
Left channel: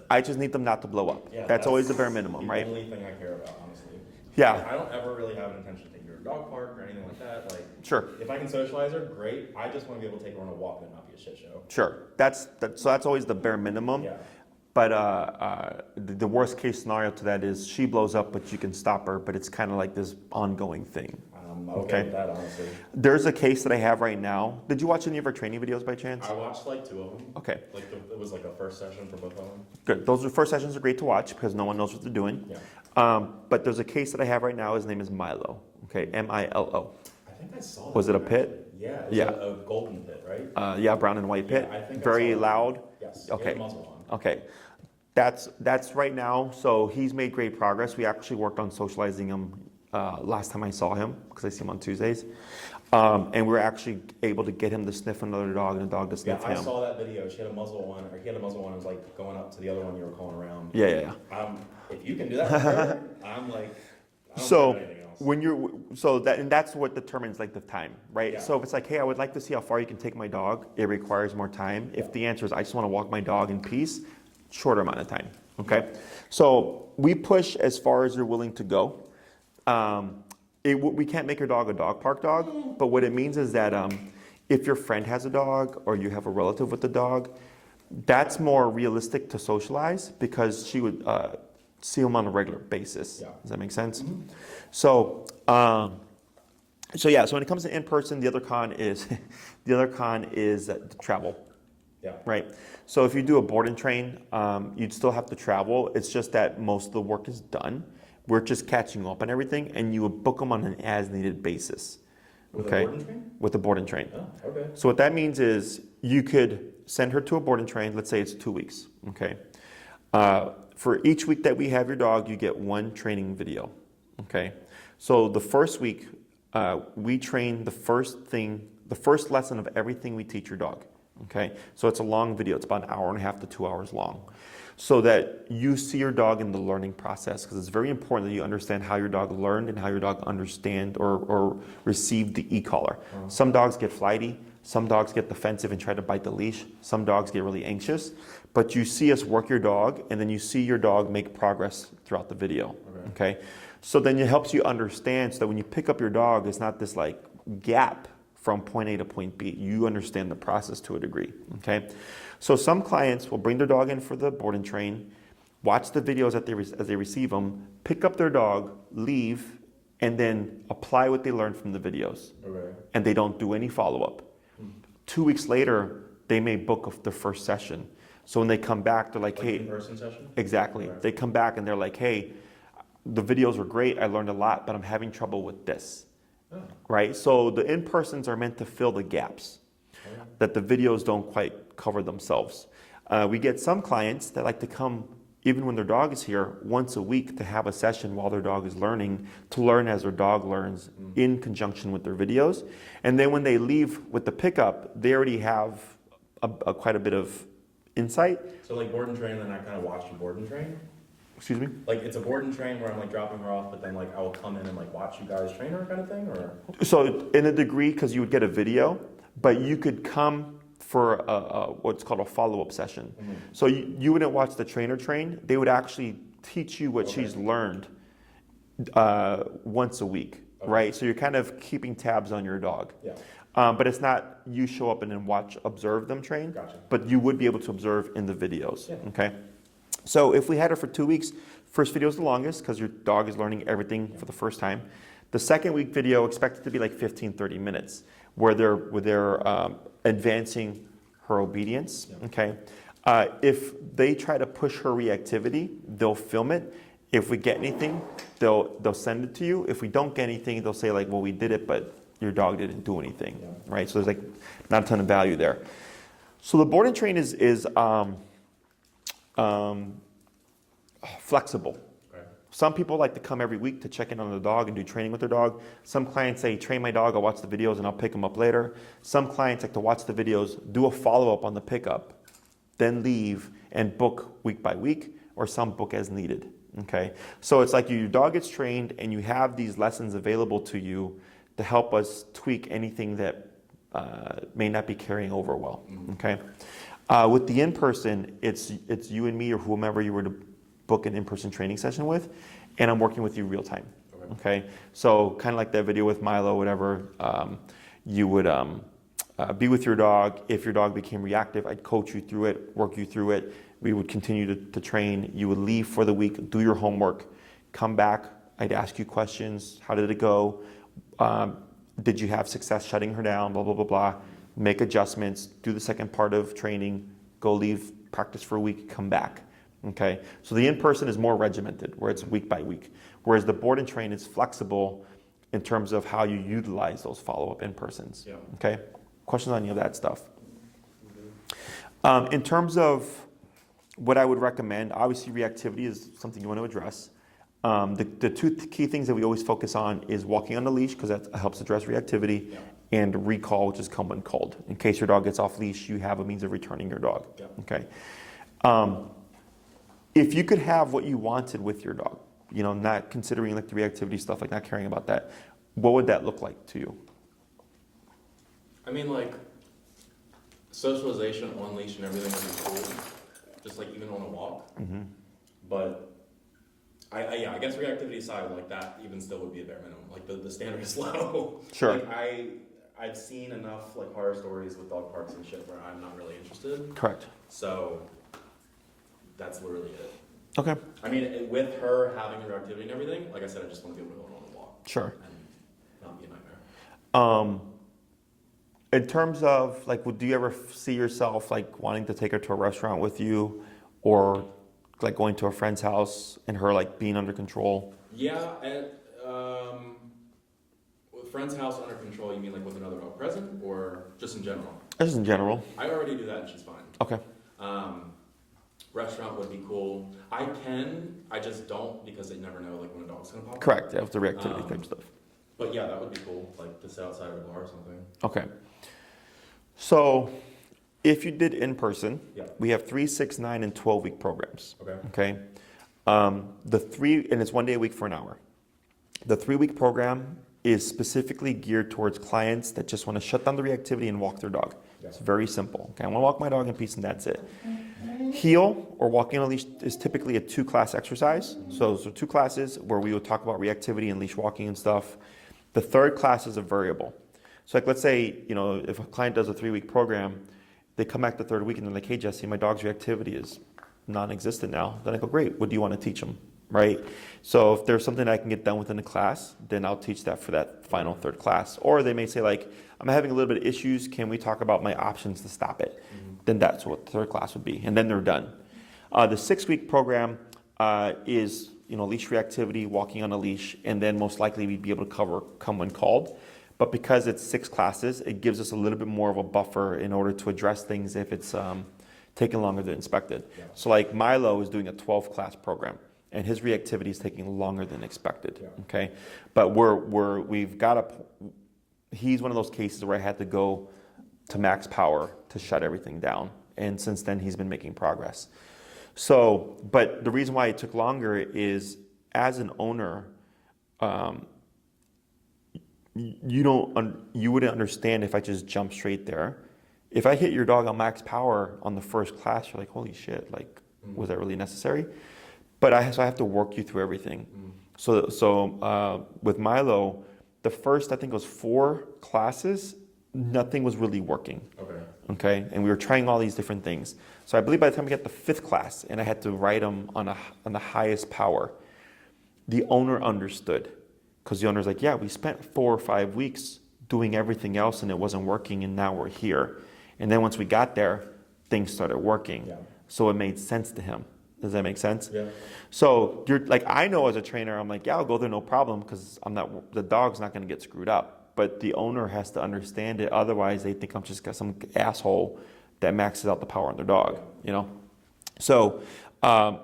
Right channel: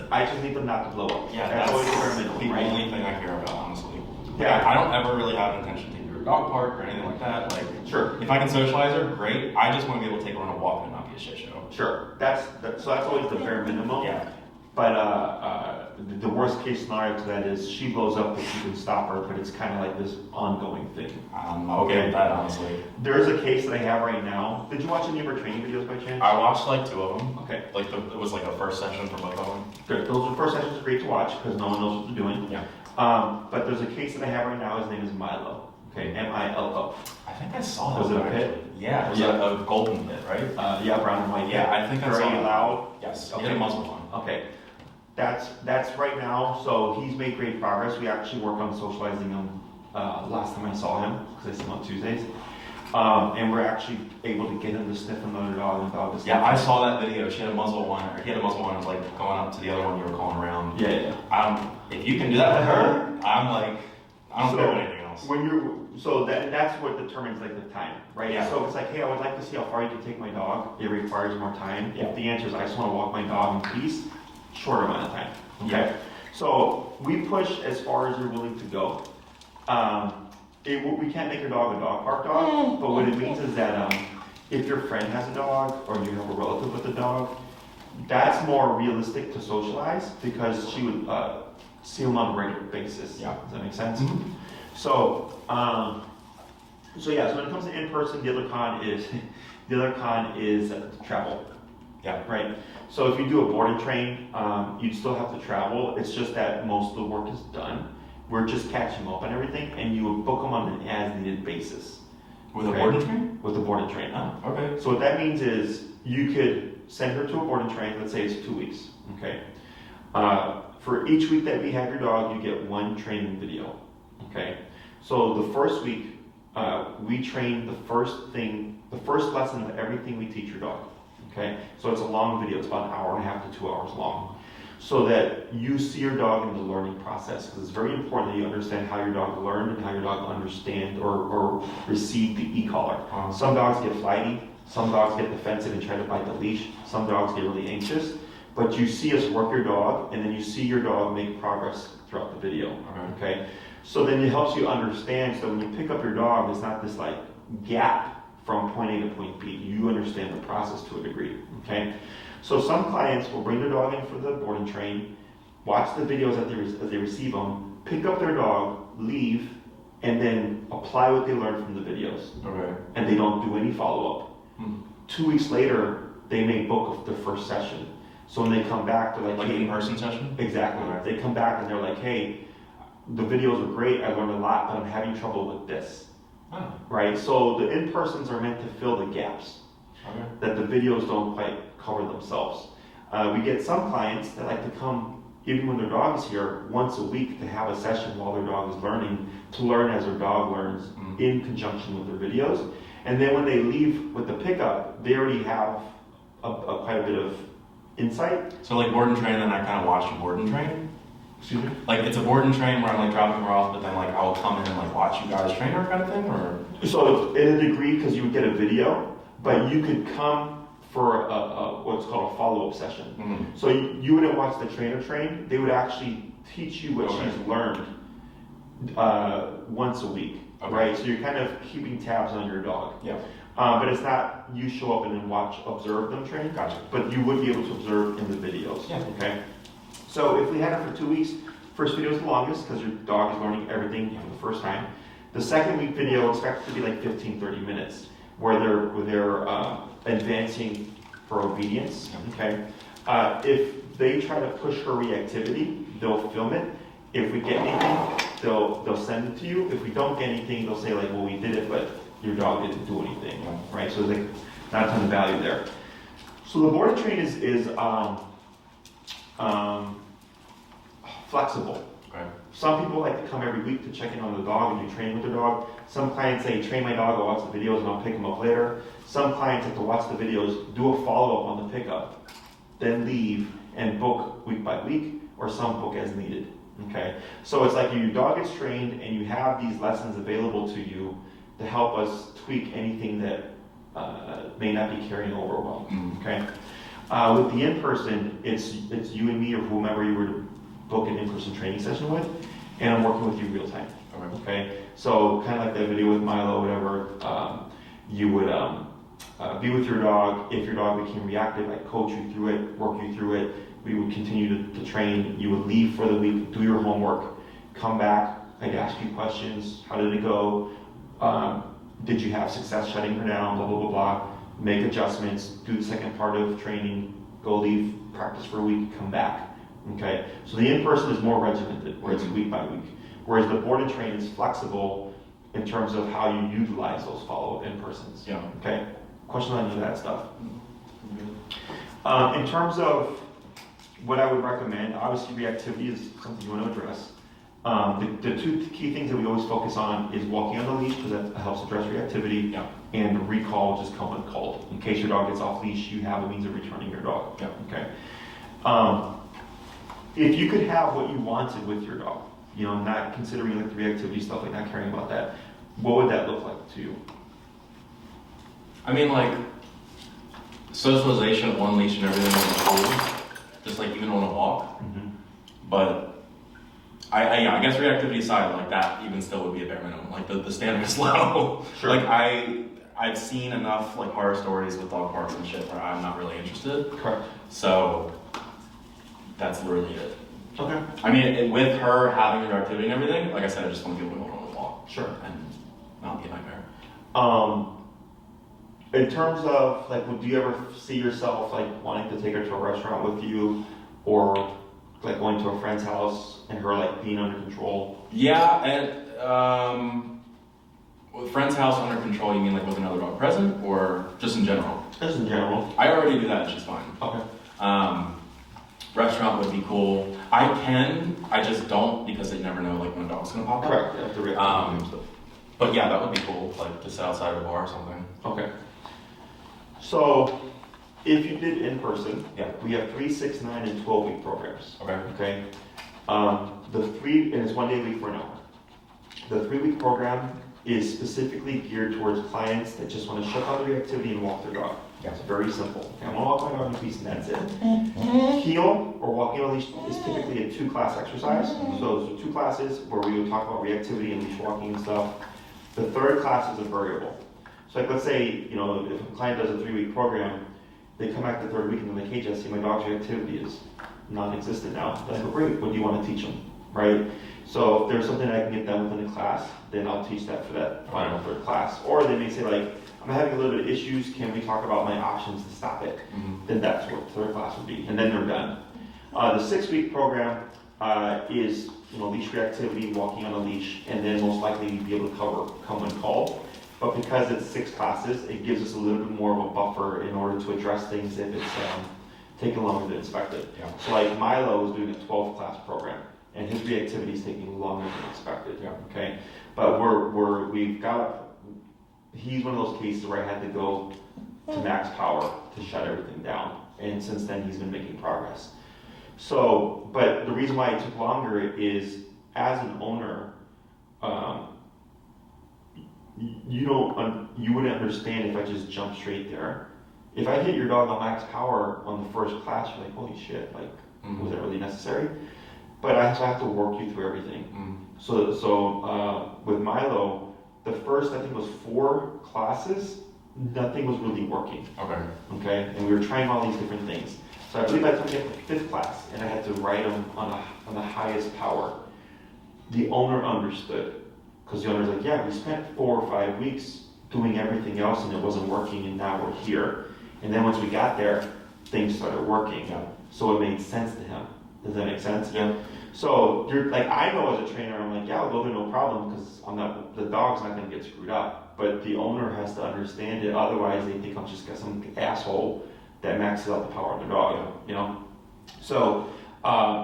I just need them not to blow up. Yeah, that's always the bare minimum, the right? only thing I care about, honestly. Yeah. I don't ever really have an intention to take her to a dog park or anything like that. Like, sure. If I can socialize her, great. I just want to be able to take her on a walk and not be a shit show. Sure. So that's always the bare minimum. Yeah. But the worst case scenario to that is she blows up, but you can stop her. But it's kind of like this ongoing thing. I'm okay with that, honestly. There's a case that I have right now. Did you watch any of her training videos by chance? I watched like 2 of them. Okay. Like it was like a first session for both of them. Good. Those first sessions are great to watch because no one knows what they're doing. Yeah. But there's a case that I have right now. His name is Milo. Okay, Milo. I think I saw that. Was it a one, pit? actually. Yeah, it was a golden pit, right? Yeah, brown and white pit. Yeah, I think I very saw that. loud. Yes. Okay. He had a muzzle one. Okay. That's right now. So he's made great progress. We actually worked on socializing him last time I saw him because I see him on Tuesdays. And we're actually able to get him to sniff another dog and the dog to sniff Yeah, him. I saw that video. She had a muzzle one, or he had a muzzle one, and was like going up to the other one you were calling around. Yeah. If you can do that for her, I'm like, I don't care about anything else. That's what determines like the time, right? Yeah. So if it's like, hey, I would like to see how far you can take my dog. It requires more time. Yeah. If the answer is I just want to walk my dog in peace, shorter amount of time. Okay. Yeah. So we push as far as you're willing to go. We can't make your dog a dog park dog, but what it means is that if your friend has a dog or you have a relative with a dog, that's more realistic to socialize because she would see them on a regular basis. Yeah. Does that make sense? Mm-hmm. So when it comes to in person, the other con is travel. Yeah. Right. So if you do a board and train, you'd still have to travel. It's just that most of the work is done. We're just catching up on everything, and you would book them on an as-needed basis. With a board and train? With a board and train. Oh, okay. So what that means is you could send her to a board and train. Let's say it's 2 weeks. Okay. For each week that we have your dog, you get 1 training video. Okay. So the first week, we train the first lesson of everything we teach your dog. Okay. So it's a long video. It's about 1.5 hours to 2 hours long. So that you see your dog in the learning process, because it's very important that you understand how your dog learned and how your dog understand or received the e-collar. Some dogs get flighty, some dogs get defensive and try to bite the leash, some dogs get really anxious, but you see us work your dog and then you see your dog make progress throughout the video. Okay? So then it helps you understand, so when you pick up your dog, it's not this like gap from point A to point B. You understand the process to a degree. Okay? So some clients will bring their dog in for the board and train, watch the videos as they receive them, pick up their dog, leave, and then apply what they learned from the videos. Okay. And they don't do any follow-up. 2 weeks later, they may book their first session. So when they come back, they're like hey, in-person session? Exactly. Okay. They come back and they're like, hey, the videos were great, I learned a lot, but I'm having trouble with this. Oh. Right? So the in-persons are meant to fill the gaps. Okay. That the videos don't quite cover themselves. We get some clients that like to come, even when their dog is here, once a week to have a session while their dog is learning, to learn as their dog learns in conjunction with their videos. And then when they leave with the pickup, they already have quite a bit of insight. So like board and train, then I kind of watch a board and train? Excuse me? Like it's a board and train where I'm like dropping her off, but then like I'll come in and like watch you guys train her kind of thing, or? So in a degree, because you would get a video, but you could come for what's called a follow-up session. Mm-hmm. So you wouldn't watch the trainer train. They would actually teach you what she's learned once a week, right? So you're kind of keeping tabs on your dog. Yeah. But it's not you show up and then observe them train. Gotcha. But you would be able to observe in the videos. Yeah. Okay. So if we had her for 2 weeks, first video is the longest because your dog is learning everything for the first time. The second week video expected to be like 15-30 minutes. Where they're advancing her obedience. Okay, if they try to push her reactivity, they'll film it. If we get anything, they'll send it to you. If we don't get anything, they'll say like, well, we did it, but your dog didn't do anything, right? So there's like not a ton of value there. So the board and train is flexible. Okay. Some people like to come every week to check in on the dog and do training with their dog. Some clients say, train my dog, I'll watch the videos and I'll pick them up later. Some clients like to watch the videos, do a follow-up on the pickup, then leave and book week by week, or some book as needed. Okay, so it's like your dog gets trained and you have these lessons available to you to help us tweak anything that may not be carrying over well. Okay, with the in-person, it's you and me or whomever you were to book an in-person training session with, and I'm working with you real time. Okay, so kind of like that video with Milo, whatever. You would be with your dog. If your dog became reactive, I'd coach you through it, work you through it. We would continue to train. You would leave for the week, do your homework, come back. I'd ask you questions. How did it go? Did you have success shutting her down? Blah, blah, blah, blah. Make adjustments, do the second part of training, go leave, practice for a week, come back. Okay, so the in-person is more regimented, where it's week by week. Whereas the board and train is flexible in terms of how you utilize those follow-up in-persons. Yeah. Okay. Questions on any of that stuff? In terms of what I would recommend, obviously reactivity is something you want to address. The two key things that we always focus on is walking on the leash, because that helps address reactivity, and recall, which is come when called. In case your dog gets off leash, you have a means of returning your dog. Okay. If you could have what you wanted with your dog, not considering like the reactivity stuff, like not caring about that, what would that look like to you? I mean, like, socialization, one leash and everything is cool. Just like even on a walk. But I guess reactivity aside, like that even still would be a bare minimum. Like the standard is low. Sure. Like I've seen enough like horror stories with dog parks and shit where I'm not really interested. Correct. So that's really it. Okay. I mean, with her having her activity and everything, like I said, I just want to be able to go on a walk. Sure. And not be a nightmare. In terms of like, do you ever see yourself like wanting to take her to a restaurant with you, or like going to a friend's house and her like being under control? Yeah, and with friend's house under control, you mean like with another dog present, or just in general? Just in general. I already do that and she's fine. Okay. Restaurant would be cool. I just don't, because they never know like when a dog's gonna pop up. Correct, that's the reactivity and stuff. But yeah, that would be cool, like to sit outside of a bar or something. Okay. So, if you did in person, we have 3, 6, 9, and 12-week programs. Okay. And it's 1 day a week for an hour. The 3-week program is specifically geared towards clients that just want to shut down the reactivity and walk their dog. It's very simple. Okay, I want to walk my dog in peace and that's it. Heel or walking on a leash is typically a 2-class exercise. So 2 classes where we would talk about reactivity and leash walking and stuff. The 3rd class is a variable. So like let's say, if a client does a 3-week program, they come back the 3rd week and they're like, hey Jesse, my dog's reactivity is non-existent now. Then I go, great, what do you want to teach them? Right? So if there's something I can get done within a class, then I'll teach that for that final 3rd class. Or they may say like, I'm having a little bit of issues, can we talk about my options to stop it? Then that's what the 3rd class would be, and then they're done. The 6-week program is leash reactivity, walking on a leash, and then most likely we'd be able to cover come when called. But because it's 6 classes, it gives us a little bit more of a buffer in order to address things if it's taking longer than expected. So like Milo is doing a 12-class program, and his reactivity is taking longer than expected. Okay, but he's one of those cases where I had to go to max power to shut everything down, and since then he's been making progress. So, but the reason why it took longer is, as an owner, you wouldn't understand if I just jumped straight there. If I hit your dog on max power on the 1st class, you're like, holy shit, like, was that really necessary? But I have to work you through everything. So with Milo, the first, I think it was 4 classes, nothing was really working. Okay, and we were trying all these different things. So I believe by the time we got the 5th class, and I had to ride him on the highest power, the owner understood. Because the owner's like, yeah, we spent 4 or 5 weeks doing everything else and it wasn't working, and now we're here. And then once we got there, things started working. so it made sense to him. Does that make sense? Yeah. So you're like, I know as a trainer, I'm like, yeah, I'll go there, no problem, because the dog's not going to get screwed up. But the owner has to understand it. Otherwise, they think I'm just some asshole that maxes out the power on their dog. You know. So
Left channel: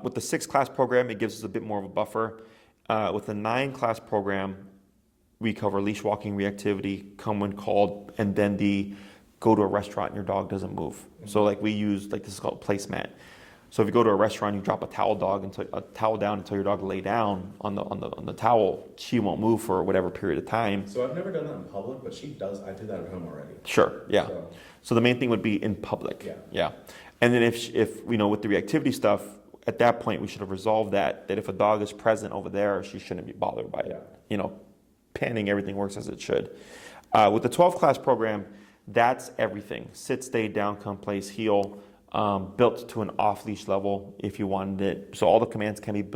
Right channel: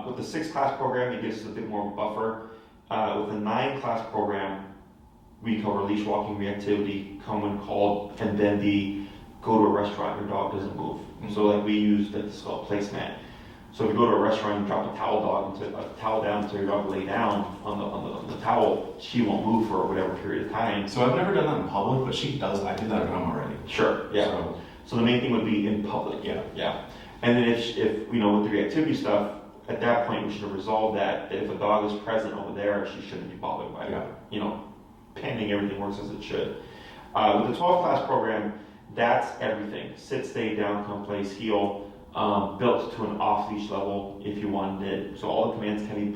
with the 6-class program, it gives us a bit more of a buffer. With the 9-class program, we cover leash walking, reactivity, come when called, and then the go to a restaurant, your dog doesn't move. Mm-hmm. So like we use like this is called placemat. So if you go to a restaurant, you drop a towel down until your dog lay down on the towel, she won't move for whatever period of time. So I've never done that in public, but she does. I do that at home already. Sure. Yeah. So the main thing would be in public. Yeah. Yeah. And then if you know, with the reactivity stuff, at that point we should have resolved that if a dog is present over there, she shouldn't be bothered by it. Yeah. You know, panning, everything works as it should. With the 12-class program, that's everything. Sit, stay, down, come, place, heel. Built to an off-leash level if you wanted it. So all the commands can be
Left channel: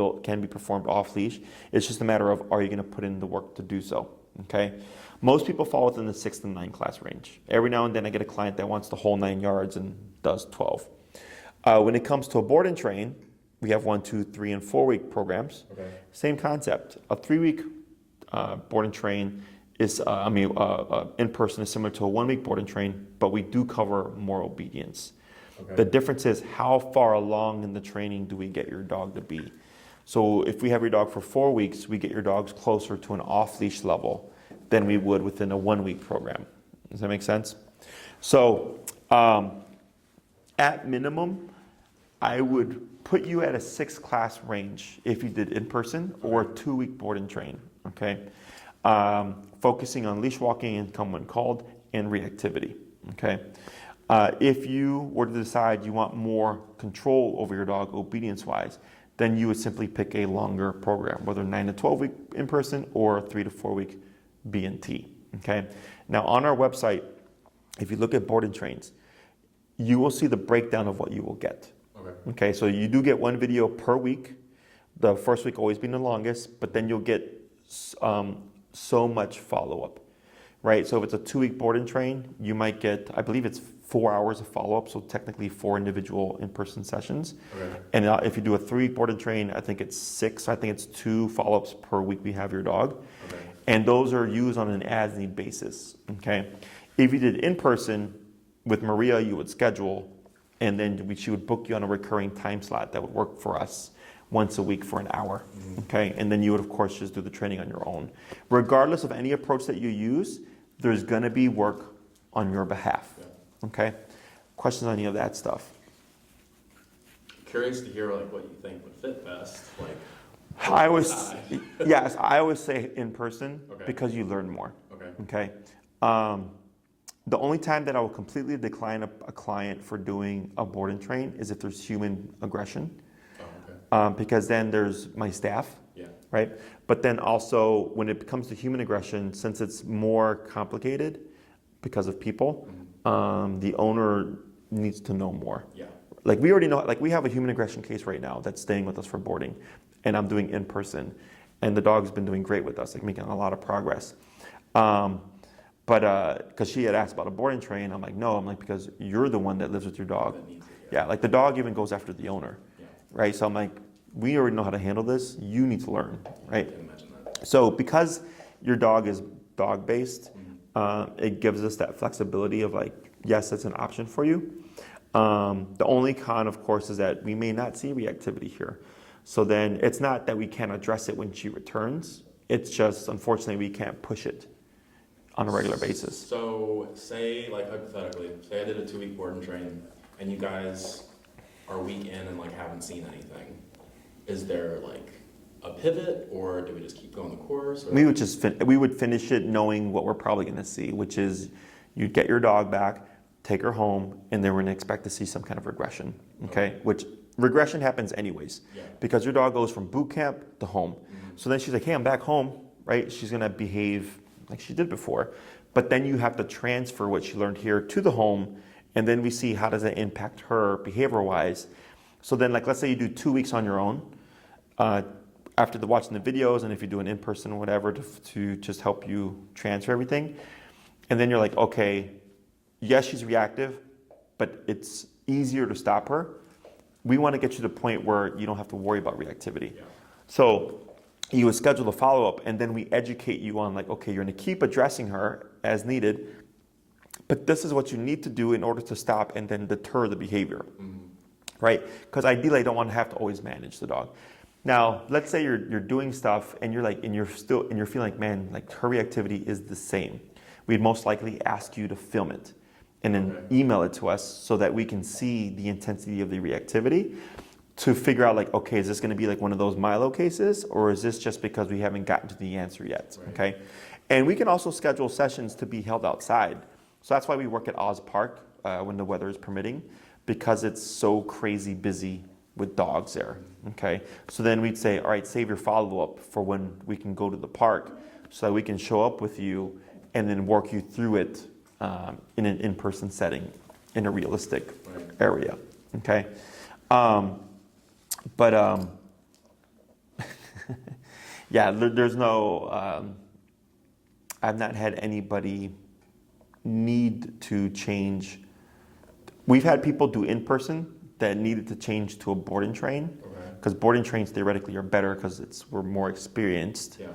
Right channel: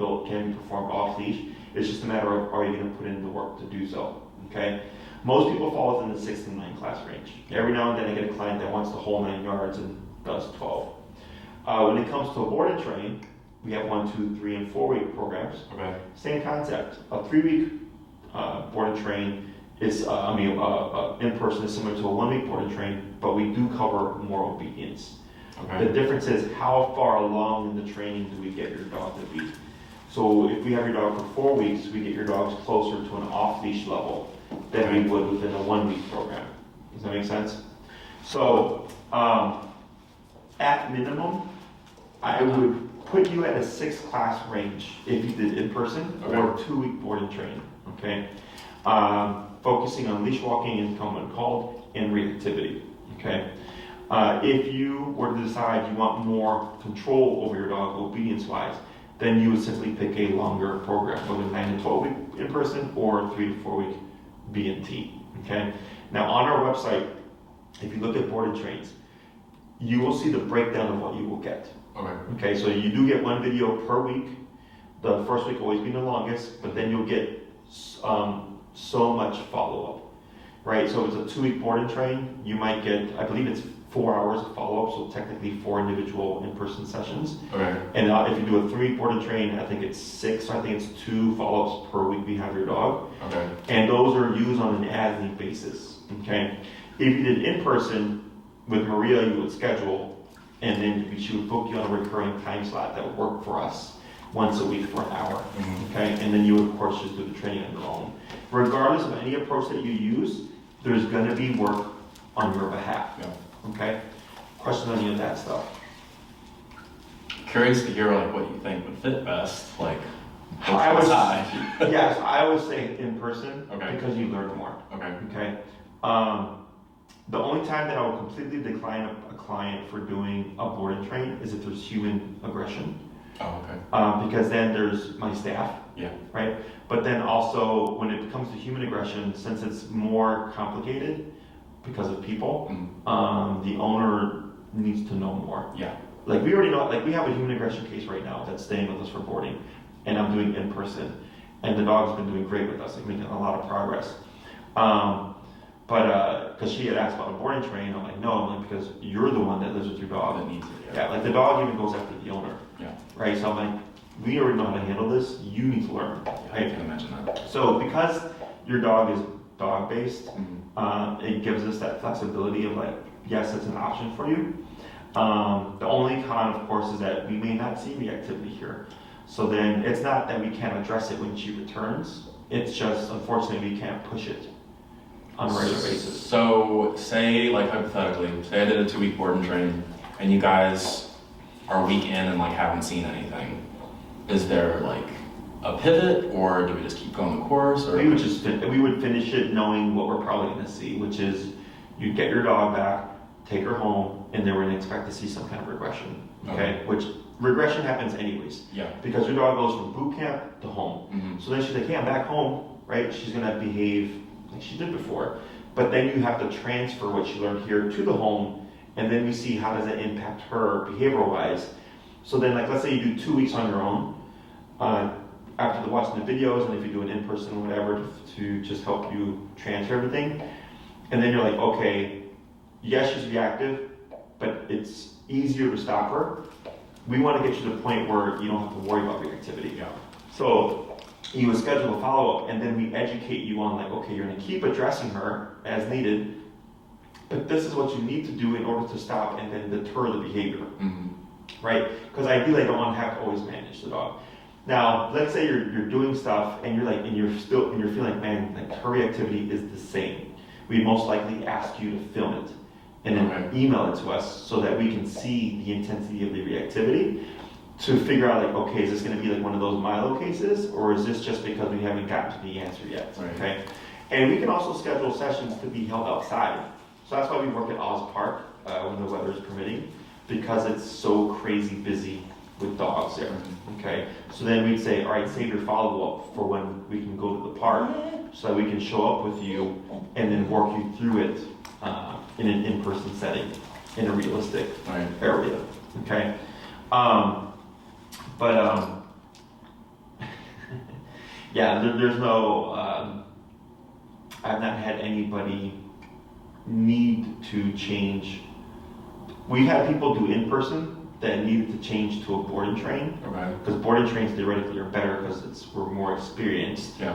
performed off-leash. It's just a matter of, are you going to put in the work to do so? Okay. Most people fall within the 6 to 9 class range. Every now and then I get a client that wants the whole 9 yards and does 12. When it comes to a board and train, we have 1, 2, 3, and 4 week programs. Okay. Same concept. A 3-week board and train is, in person is similar to a 1-week board and train, but we do cover more obedience. Okay. The difference is how far along in the training do we get your dog to be. So if we have your dog for 4 weeks, we get your dogs closer to an off-leash level than we would within a 1-week program. Does that make sense? So at minimum, I would put you at a 6-class range if you did in person or a 2-week board and train. Okay, focusing on leash walking and come when called and reactivity. Okay. If you were to decide you want more control over your dog obedience-wise, then you would simply pick a longer program, whether 9 to 12 week in person or 3 to 4 week B&T. Okay. Now on our website, if you look at board and trains, you will see the breakdown of what you will get. Okay. So you do get 1 video per week. The first week always being the longest, but then you'll get so much follow-up. Right. So if it's a 2-week board and train, you might get, I believe it's 4 hours of follow-up, so technically 4 individual in-person sessions. Okay. And if you do a 3-week board and train, I think it's 6. I think it's 2 follow-ups per week we have your dog. Okay. And those are used on an as-need basis. Okay. If you did in-person with Maria, you would schedule, and then she would book you on a recurring time slot that would work for us once a week for an hour. Mm-hmm. Okay. And then you would, of course, just do the training on your own. Regardless of any approach that you use, there's going to be work on your behalf. Yeah. Okay. Questions on any of that stuff? Curious to hear like what you think would fit best. Like, I would say in person because you learn more. Okay. The only time that I will completely decline a client for doing a board and train is if there's human aggression. Oh, okay. Because then there's my staff. Yeah. Right. But then also when it comes to human aggression, since it's more complicated because of people, the owner needs to know more. Yeah. Like we already know, like we have a human aggression case right now that's staying with us for boarding, and I'm doing in person, and the dog's been doing great with us, like making a lot of progress. But because she had asked about a boarding train, I'm like, no, I'm like, because you're the one that lives with your dog. That needs it, yeah. Like the dog even goes after the owner. Yeah. Right. So I'm like, we already know how to handle this. You need to learn. Yeah, right. I can imagine that. So because your dog is dog based, it gives us that flexibility of like, yes, it's an option for you. The only con, of course, is that we may not see reactivity here. So then it's not that we can't address it when she returns. It's just, unfortunately, we can't push it on a regular basis. So say, like hypothetically, say I did a 2-week board and train, and you guys are a week in and like haven't seen anything. Is there like a pivot, or do we just keep going the course? Or? We would finish it knowing what we're probably going to see, which is you'd get your dog back, take her home, and then we're going to expect to see some kind of regression. Okay? Which regression happens anyways. Yeah. Because your dog goes from boot camp to home. Mm-hmm. So then she's like, hey, I'm back home, right? She's going to behave like she did before. But then you have to transfer what she learned here to the home, and then we see how does that impact her behavior-wise. So then, like, let's say you do 2 weeks on your own, after watching the videos, and if you do an in-person or whatever to just help you transfer everything. And then you're like, okay, yes, she's reactive, but it's easier to stop her. we want to get you to the point where you don't have to worry about reactivity. Yeah. So you would schedule a follow-up, and then we educate you on like, okay, you're going to keep addressing her as needed, but this is what you need to do in order to stop and then deter the behavior, right? Because ideally, I don't want to have to always manage the dog. Now, let's say you're doing stuff and you're feeling like, man, like her reactivity is the same. We'd most likely ask you to film it and then email it to us so that we can see the intensity of the reactivity to figure out like, okay, is this going to be like one of those Milo cases, or is this just because we haven't gotten to the answer yet? Okay, and we can also schedule sessions to be held outside. So that's why we work at Oz Park when the weather is permitting, because it's so crazy busy with dogs there. Okay, so then we'd say, all right, save your follow-up for when we can go to the park, so that we can show up with you and then work you through it in an in-person setting, in a realistic area. Okay. Yeah, there's no, I've not had anybody need to change. We've had people do in-person that needed to change to a board and train, because board and trains theoretically are better because we're more experienced. Yeah.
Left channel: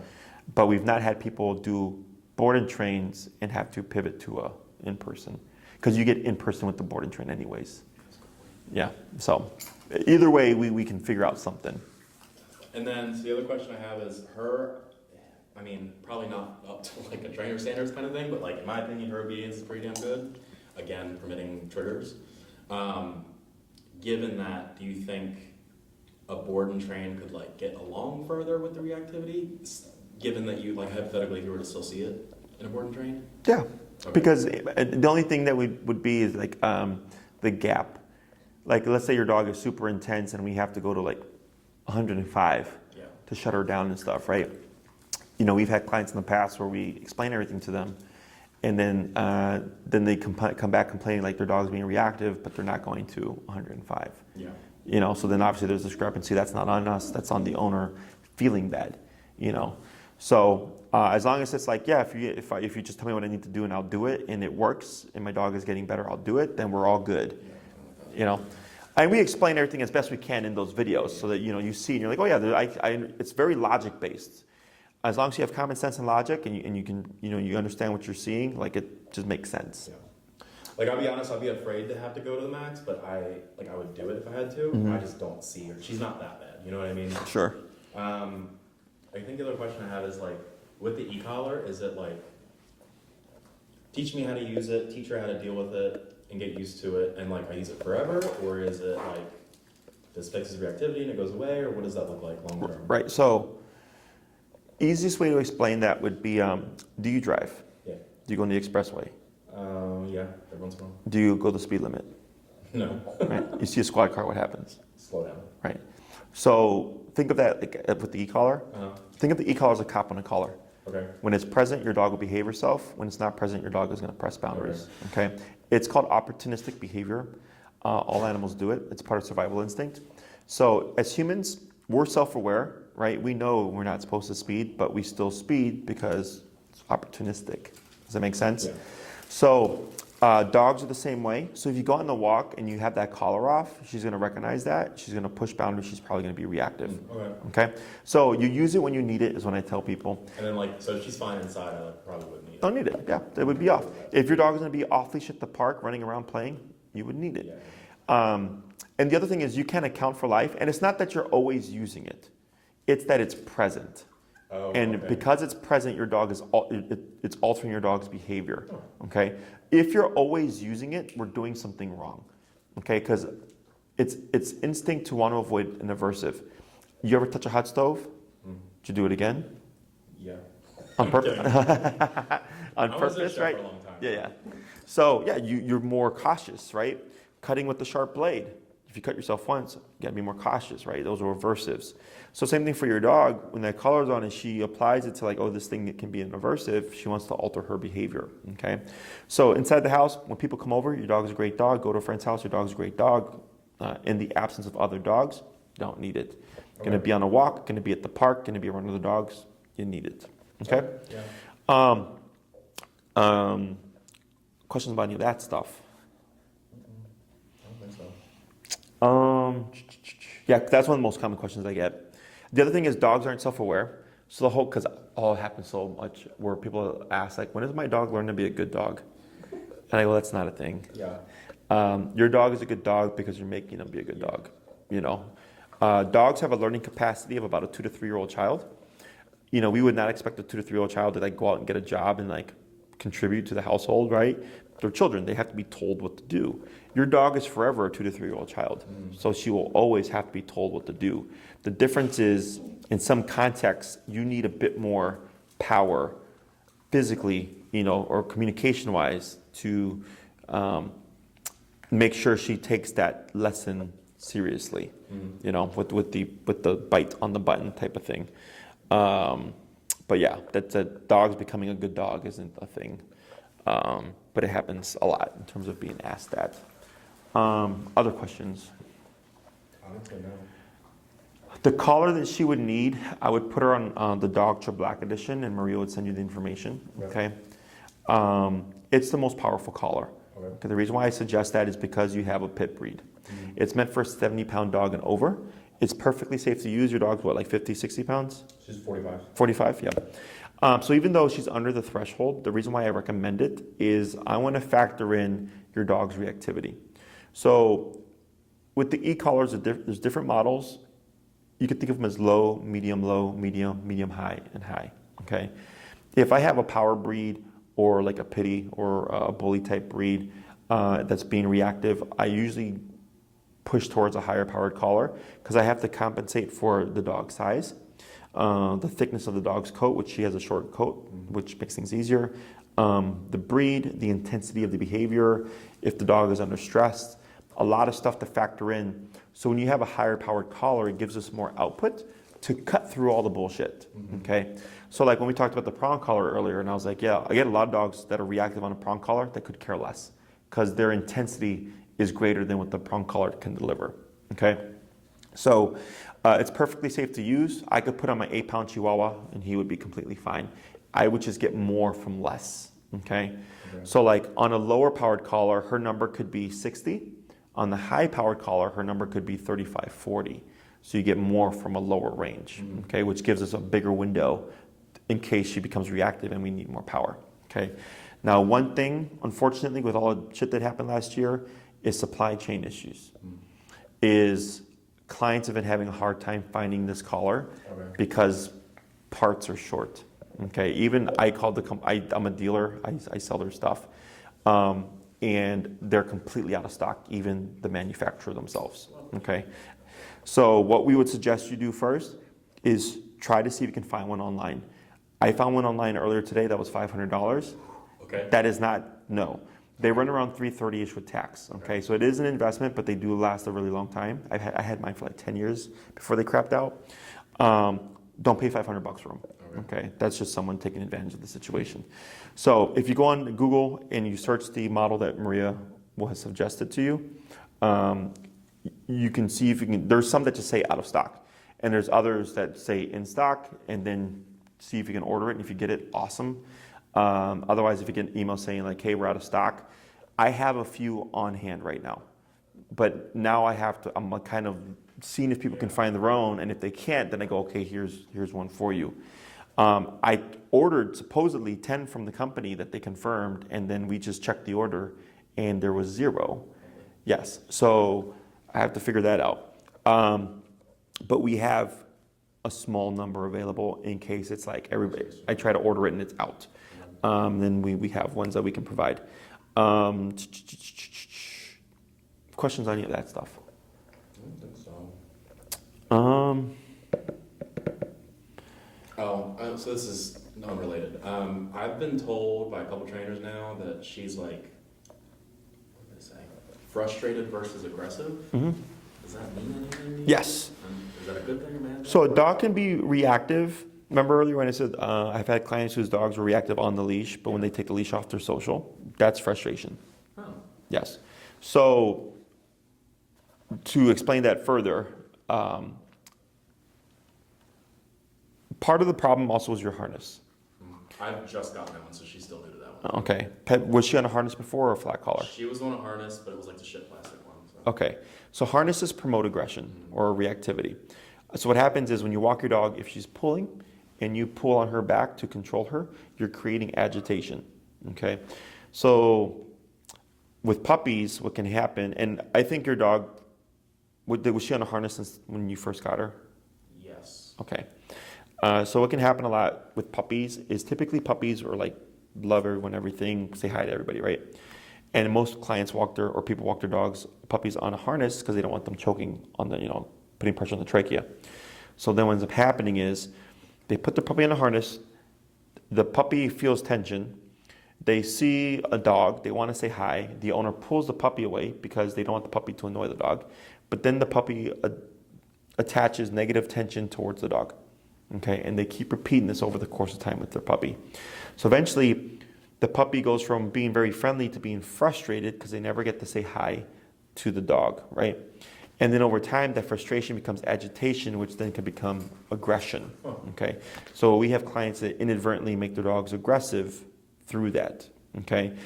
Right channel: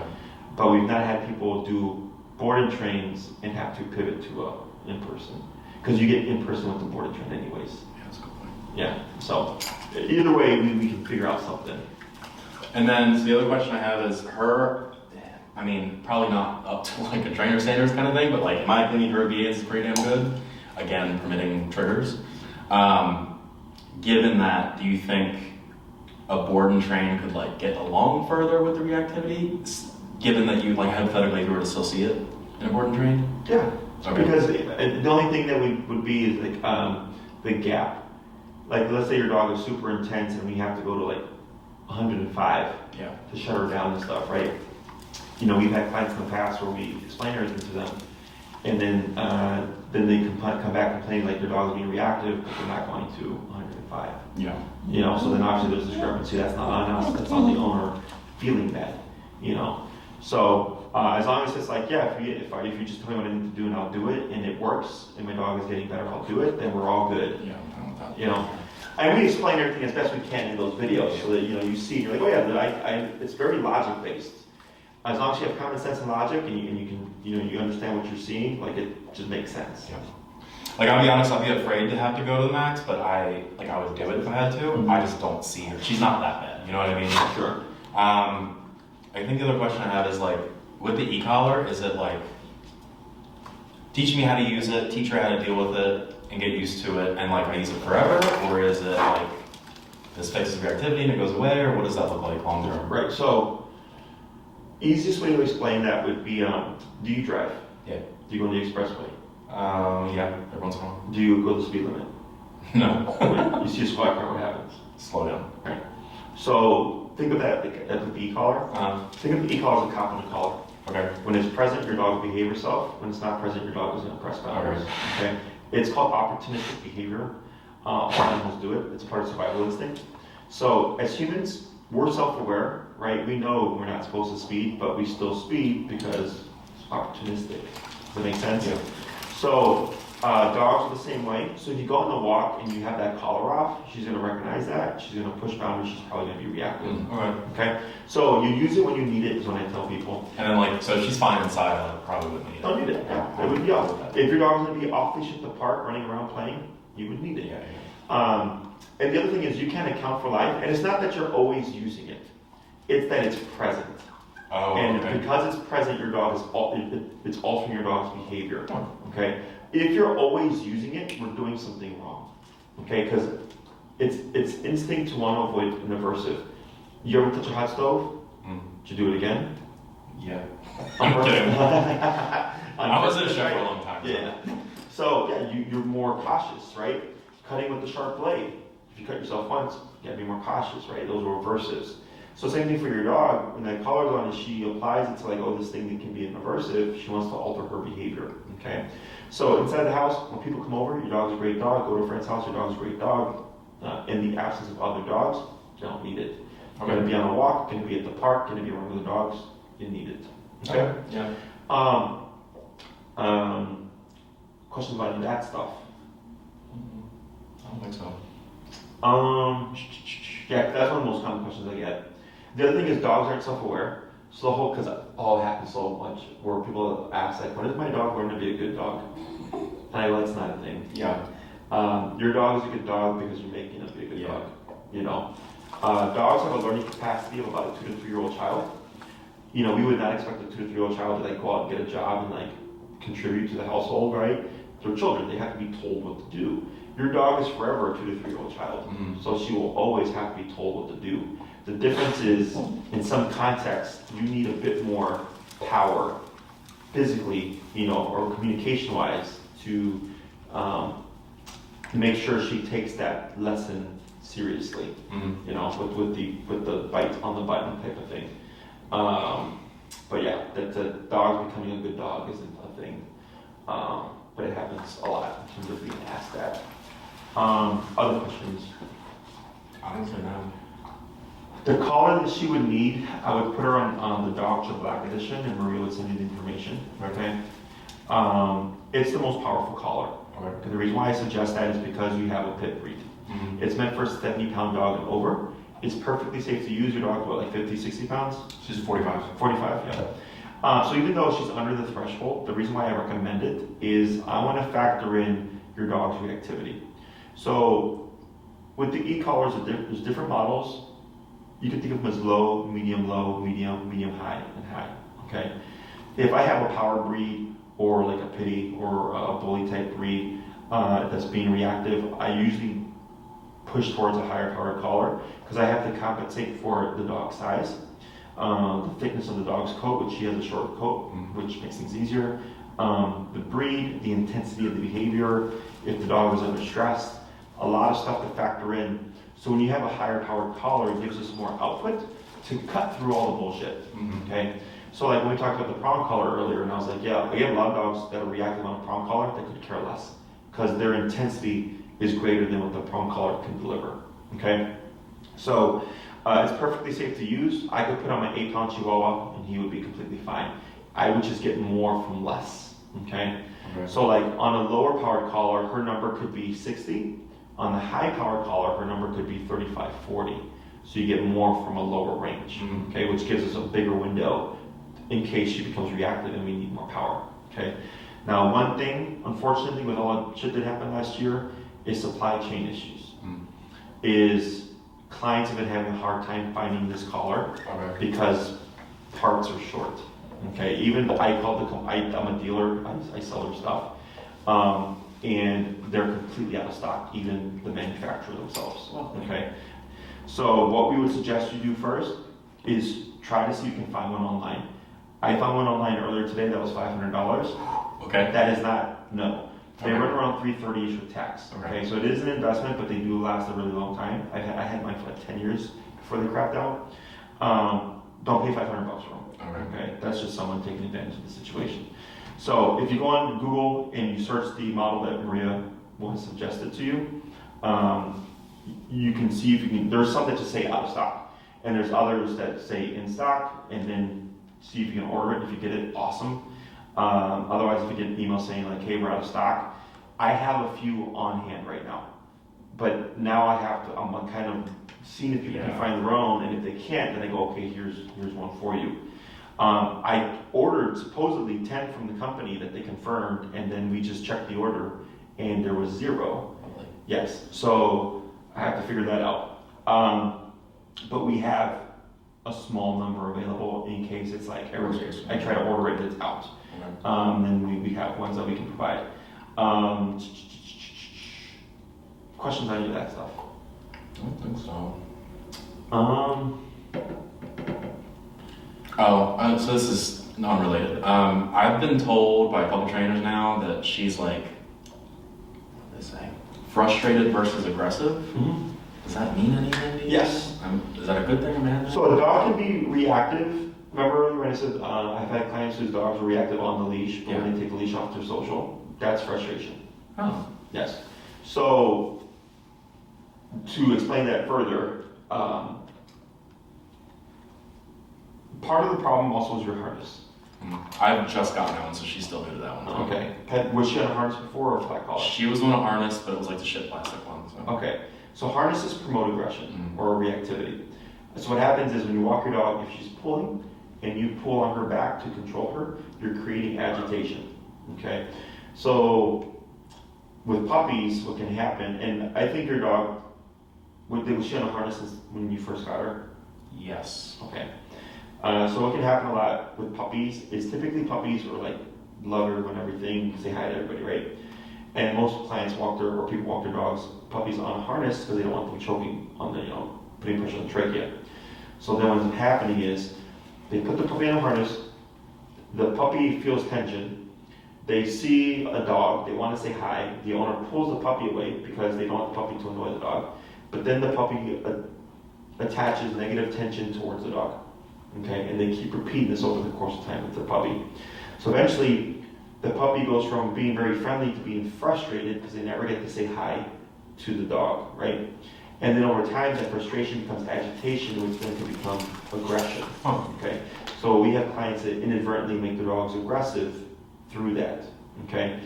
But we've not had people do board and trains and have to pivot to a in-person, because you get in-person with the board and train anyways. Yeah, that's a good point. Yeah, so either way, we can figure out something. And then so the other question I have is her, I mean, probably not up to like a trainer standards kind of thing, but like in my opinion, her obedience is pretty damn good. Again, permitting triggers. Given that, do you think a board and train could like get along further with the reactivity? Given that you like hypothetically if you were to still see it in a board and train? Yeah, because the only thing that would be is like the gap. Like let's say your dog is super intense and we have to go to like 105 to shut her down and stuff, right? You know, we've had clients in the past where we explain everything to them, and then they come back complaining like their dog's being reactive, but they're not going to 105. Yeah. You know, so then obviously there's a discrepancy. That's not on us. That's on the owner feeling bad. You know, so as long as it's like, yeah, if you just tell me what I need to do and I'll do it, and it works, and my dog is getting better, I'll do it. Then we're all good. Yeah. You know. And we explain everything as best we can in those videos so that you see, you're like, oh yeah, it's very logic based. As long as you have common sense and logic, and you can, you understand what you're seeing, like it just makes sense. Yeah. Like I'll be honest, I'll be afraid to have to go to the max, but I would do it if I had to. Mm-hmm. I just don't see her. She's not that bad. You know what I mean? Sure. I think the other question I have is like, with the e-collar, is it like, teach me how to use it, teach her how to deal with it, and get used to it, and like I use it forever, or is it like this fixes reactivity and it goes away, or what does that look like long term? Right. So, easiest way to explain that would be, do you drive? Yeah. Do you go on the expressway? Yeah. Every once in a while. Do you go the speed limit? No. Okay. You see a squad car, what happens? Slow down. Right. So think of that with the e-collar. Think of the e-collar as a cop in the collar. Okay. When it's present, your dog will behave herself. When it's not present, your dog is going to press boundaries. Okay. It's called opportunistic behavior. All animals do it. It's part of survival instinct. So as humans, we're self-aware, right? We know we're not supposed to speed, but we still speed because it's opportunistic. Does that make sense? Yeah. So dogs are the same way. So if you go on the walk and you have that collar off, she's going to recognize that. She's going to push boundaries. She's probably going to be reactive. Okay. So you use it when you need it is what I tell people. And then like, so if she's fine inside, I probably wouldn't need it. Don't need it. Yeah, it would be off. If your dog's going to be off leash at the park, running around playing, you would need it. Yeah. And the other thing is you can't account for life, and it's not that you're always using it; it's that it's present. Oh, and because it's present, your dog is it's altering your dog's behavior. Okay. If you're always using it, we're doing something wrong. Okay, because it's instinct to want to avoid an aversive. You ever touch a hot stove? Did you do it again? Yeah. On purpose. I was at a chef for a long time. Yeah. So yeah, you're more cautious, right? Cutting with the sharp blade. If you cut yourself once, you gotta be more cautious, right? Those are aversives. So same thing for your dog. When that collar's on and she applies it to like, oh, this thing that can be an aversive, she wants to alter her behavior. Okay. So inside the house, when people come over, your dog's a great dog. Go to a friend's house, your dog's a great dog. In the absence of other dogs, you don't need it. Okay. Gonna be on a walk, gonna be at the park, gonna be around other dogs, you need it. Okay? Yeah. Questions about any of that stuff? I don't think so. Yeah, that's one of the most common questions I get. The other thing is dogs aren't self-aware. So the whole, because all happens so much, where people ask like, when does my dog learn to be a good dog? And I go, that's not a thing. Yeah. Your dog is a good dog because you're making him be a good dog. You know, dogs have a learning capacity of about a 2 to 3 year old child. You know, we would not expect a 2 to 3 year old child to like go out and get a job and like contribute to the household, right? They're children; they have to be told what to do. Your dog is forever a 2 to 3 year old child, so she will always have to be told what to do. The difference is, in some contexts, you need a bit more power, physically, you know, or communication-wise, to make sure she takes that lesson seriously. You know, with the bite on the button type of thing. But yeah, that dogs becoming a good dog isn't a thing. But it happens a lot in terms of being asked that. Other questions? Honestly, no. The collar that she would need, I would put her on the Dog to Black edition, and Maria would send you the information. Okay. It's the most powerful collar. Okay. And the reason why I suggest that is because you have a pit breed. It's meant for a 70-pound dog and over. It's perfectly safe to use. Your dog's what, like 50, 60 pounds? She's 45. 45, yeah. So even though she's under the threshold, the reason why I recommend it is I want to factor in your dog's reactivity. So with the e-collars, there's different models. You can think of them as low, medium, medium high, and high. Okay. If I have a power breed or like a pity or a bully type breed that's being reactive, I usually push towards a higher powered collar because I have to compensate for the dog's size, the thickness of the dog's coat, which she has a short coat, which makes things easier, the breed, the intensity of the behavior, if the dog is under stress, a lot of stuff to factor in. So when you have a higher powered collar, it gives us more output to cut through all the bullshit. Okay. So like when we talked about the prong collar earlier, and I was like, yeah, again, a lot of dogs that are reactive on a prong collar, they could care less because their intensity is greater than what the prong collar can deliver. Okay. So it's perfectly safe to use. I could put on my 8-pound Chihuahua and he would be completely fine. I would just get more from less. Okay. So like on a lower powered collar, her number could be 60. On the high powered collar, her number could be 35, 40. So you get more from a lower range, okay, which gives us a bigger window in case she becomes reactive and we need more power, okay. Now, one thing, unfortunately, with all the shit that happened last year, is supply chain issues. Is clients have been having a hard time finding this collar because parts are short, okay. Even I'm a dealer, I sell their stuff. And they're completely out of stock, even the manufacturer themselves. Okay. So what we would suggest you do first is try to see if you can find one online. I found one online earlier today that was $500. Okay. That is not, no. They run around $330-ish with tax. Okay. So it is an investment, but they do last a really long time. I had mine for like 10 years before they crapped out. Don't pay $500 for them. Okay. That's just someone taking advantage of the situation. So if you go on Google and you search the model that Maria has suggested to you, you can see if you can, there's some that just say out of stock, and there's others that say in stock, and then see if you can order it. If you get it, awesome. Otherwise, if you get an email saying like, hey, we're out of stock, I have a few on hand right now. But now I'm kind of seeing if people can find their own, and if they can't, then I go, okay, here's one for you. I ordered supposedly 10 from the company that they confirmed, and then we just checked the order, and there was 0. Yes, so I have to figure that out. But we have a small number available in case it's like everybody. I try to order it and it's out. Then we have ones that we can provide. Questions on any of that stuff? I don't think so. So this is non-related. I've been told by a couple trainers now that she's like, what do they say? Frustrated versus aggressive. Does that mean anything to you? Yes. Is that a good thing or bad thing? So a dog can be reactive. Remember earlier when I said I've had clients whose dogs are reactive on the leash, but when they take the leash off, they're social. That's frustration. Oh. Yes. So to explain that further, part of the problem also was your harness. I've just gotten that one, so she's still new to that one. Okay. Was she on a harness before or a flat collar? She was on a harness, but it was like the shit plastic one. So. Okay. So harnesses promote aggression or reactivity. So what happens is when you walk your dog, if she's pulling and you pull on her back to control her, you're creating agitation. Okay, so with puppies, what can happen? And I think your dog was she on a harness when you first got her? Yes. Okay. So what can happen a lot with puppies is typically puppies are like love everyone, everything, say hi to everybody, right? And most clients or people walk their puppies on a harness because they don't want them choking on the, putting pressure on the trachea. So then what ends up happening is they put the puppy on a harness, the puppy feels tension, they see a dog, they want to say hi, the owner pulls the puppy away because they don't want the puppy to annoy the dog, but then the puppy attaches negative tension towards the dog. Okay, and they keep repeating this over the course of time with the puppy. So eventually, the puppy goes from being very friendly to being frustrated because they never get to say hi to the dog, right? And then over time, that frustration becomes agitation, which then can become aggression. Okay, so we have clients that inadvertently make their dogs aggressive through that. Okay,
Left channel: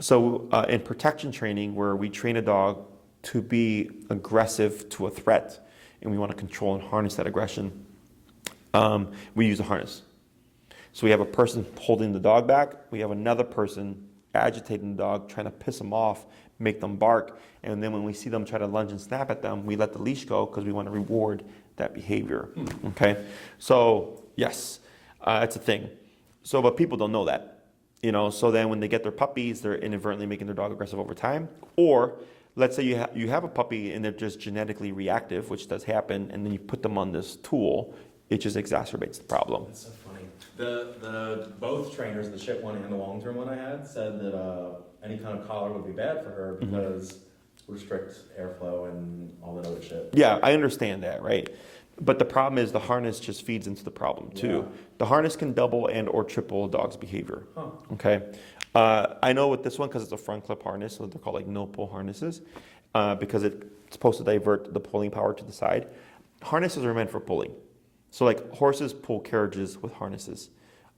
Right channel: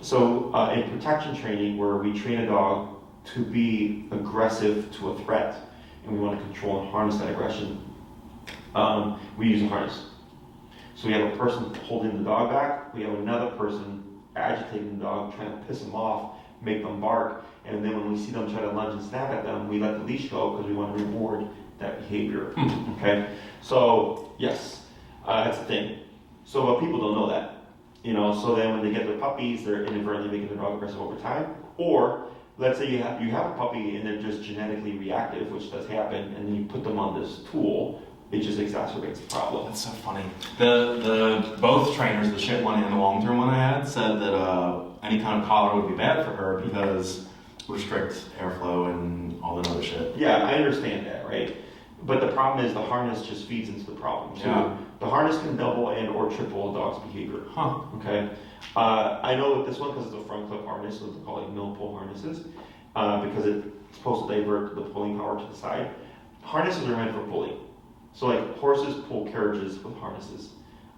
so in protection training, where we train a dog to be aggressive to a threat, and we want to control and harness that aggression, we use a harness. So we have a person holding the dog back, we have another person agitating the dog, trying to piss them off, make them bark, and then when we see them try to lunge and snap at them, we let the leash go because we want to reward that behavior. Okay? So, yes, it's a thing. So, but people don't know that. So then when they get their puppies, they're inadvertently making their dog aggressive over time. Or, let's say you have a puppy and they're just genetically reactive, which does happen, and then you put them on this tool, it just exacerbates the problem. That's so funny. The both trainers, the shit one and the long-term one I had, said that any kind of collar would be bad for her because restrict airflow and all that other shit. Yeah, I understand that, right? But the problem is the harness just feeds into the problem too. Yeah. The harness can double and or triple a dog's behavior. Okay. I know with this one, because it's a front clip harness, so they're called like no pull harnesses, because it's supposed to divert the pulling power to the side. Harnesses are meant for pulling. So like horses pull carriages with harnesses.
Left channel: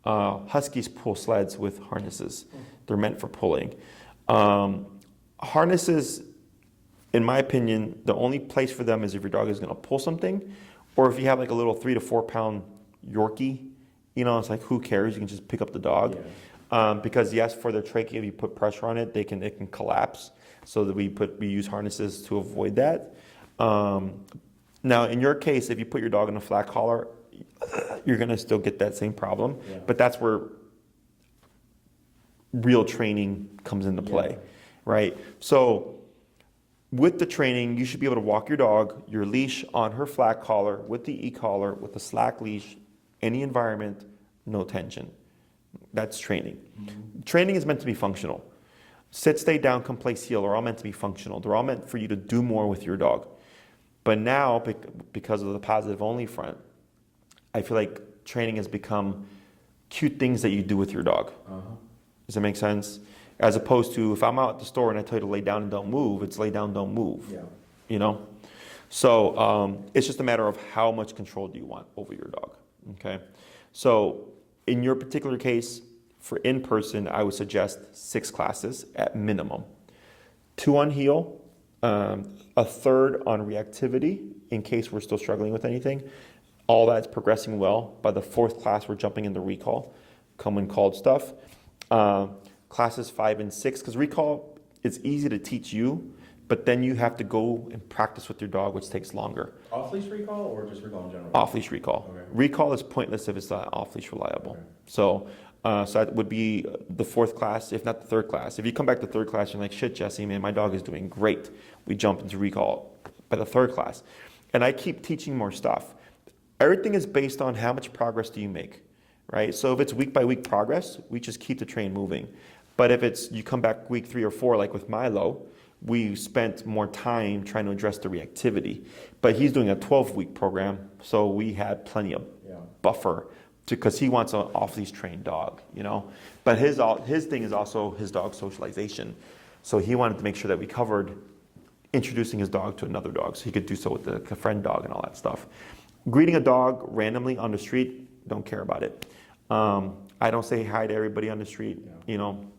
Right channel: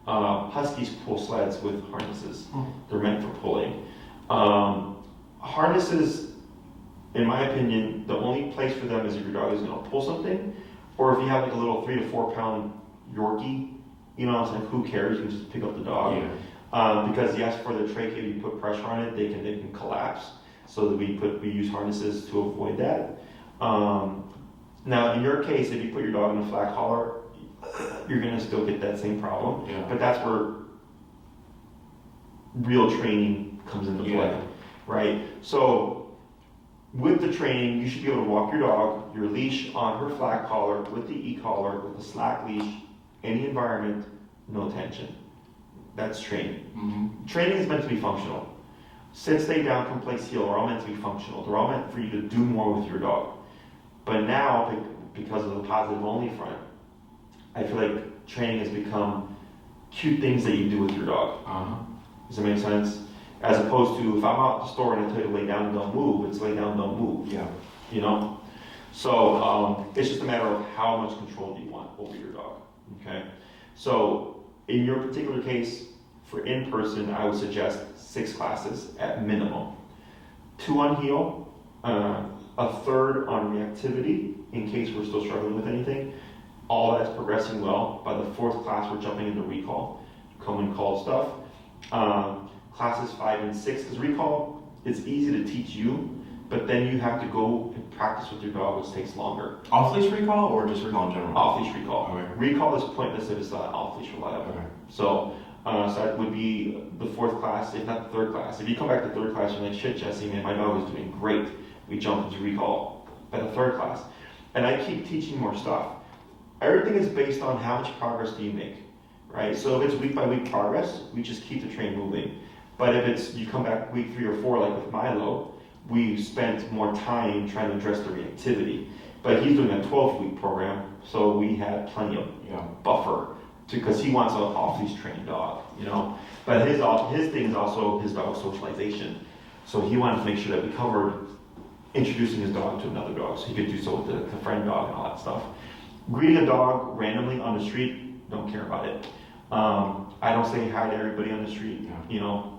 Huskies pull sleds with harnesses. They're meant for pulling. Harnesses, in my opinion, the only place for them is if your dog is going to pull something, or if you have like a little 3 to 4 pound Yorkie, it's like who cares? You can just pick up the dog. Yeah. Because yes, for the trachea, if you put pressure on it, it can collapse. So that we use harnesses to avoid that. Now, in your case, if you put your dog in a flat collar, you're going to still get that same problem. Yeah. But that's where real training comes into play, right? So with the training, you should be able to walk your dog, your leash on her flat collar, with the e-collar, with a slack leash, any environment, no tension. That's training. Mm-hmm. Training is meant to be functional. Sit, stay down, come, place, heel are all meant to be functional. They're all meant for you to do more with your dog. But now, because of the positive only front, I feel like training has become cute things that you do with your dog. Does that make sense? As opposed to if I'm out at the store and I tell you to lay down and don't move, it's lay down, don't move. Yeah. So it's just a matter of how much control do you want over your dog. Okay. So in your particular case, for in-person, I would suggest 6 classes at minimum. 2 on heel, a third on reactivity in case we're still struggling with anything. All that's progressing well. By the 4th class, we're jumping into recall, common called stuff. Classes 5 and 6, because recall is easy to teach you, but then you have to go and practice with your dog, which takes longer. Off-leash recall or just recall in general? Off-leash recall. Okay. Recall is pointless if it's not off-leash reliable. Okay. So that would be the 4th class, if not the 3rd class. If you come back to the 3rd class, you're like, shit, Jesse, man, my dog is doing great. We jump into recall by the 3rd class. And I keep teaching more stuff. Everything is based on how much progress do you make, right? So if it's week by week progress, we just keep the train moving. But if it's you come back week 3 or 4, like with Milo, we spent more time trying to address the reactivity. But he's doing a 12-week program, so we had plenty of buffer because he wants an off-leash trained dog, But his thing is also his dog socialization. So he wanted to make sure that we covered introducing his dog to another dog, so he could do so with the friend dog and all that stuff. Greeting a dog randomly on the street, don't care about it. I don't say hi to everybody on the street.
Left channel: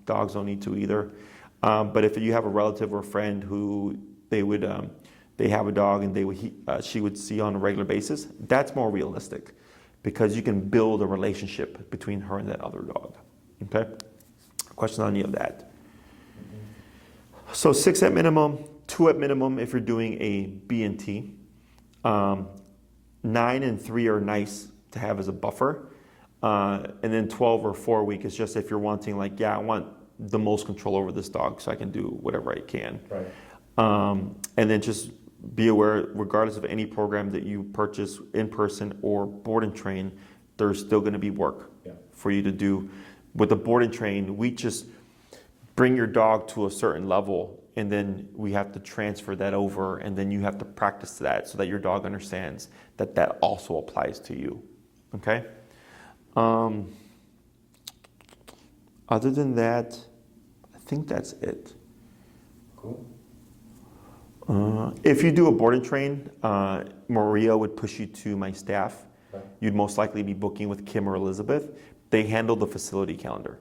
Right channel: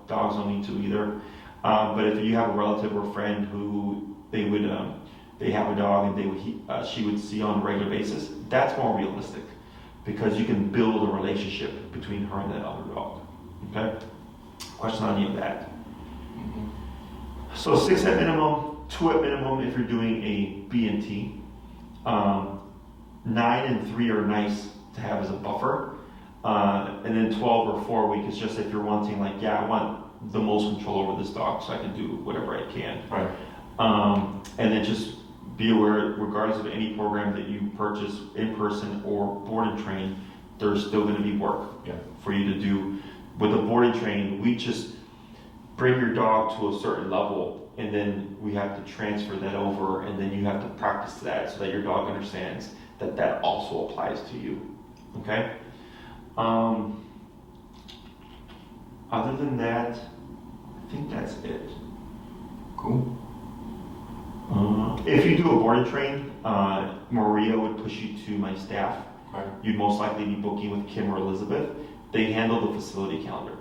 Dogs don't need to either. But if you have a relative or friend who they would they have a dog and she would see on a regular basis, that's more realistic because you can build a relationship between her and that other dog. Okay? Question on any of that. So 6 at minimum, 2 at minimum if you're doing a B&T. 9 and 3 are nice to have as a buffer. And then 12 or 4 week is just if you're wanting like, yeah, I want the most control over this dog so I can do whatever I can. Right. And then just be aware, regardless of any program that you purchase in person or board and train, there's still going to be work for you to do. With the board and train, we just bring your dog to a certain level and then we have to transfer that over and then you have to practice that so that your dog understands that that also applies to you. Okay? Other than that, I think that's it. Cool. If you do a board and train, Maria would push you to my staff. Right. You'd most likely be booking with Kim or Elizabeth. They handle the facility calendar.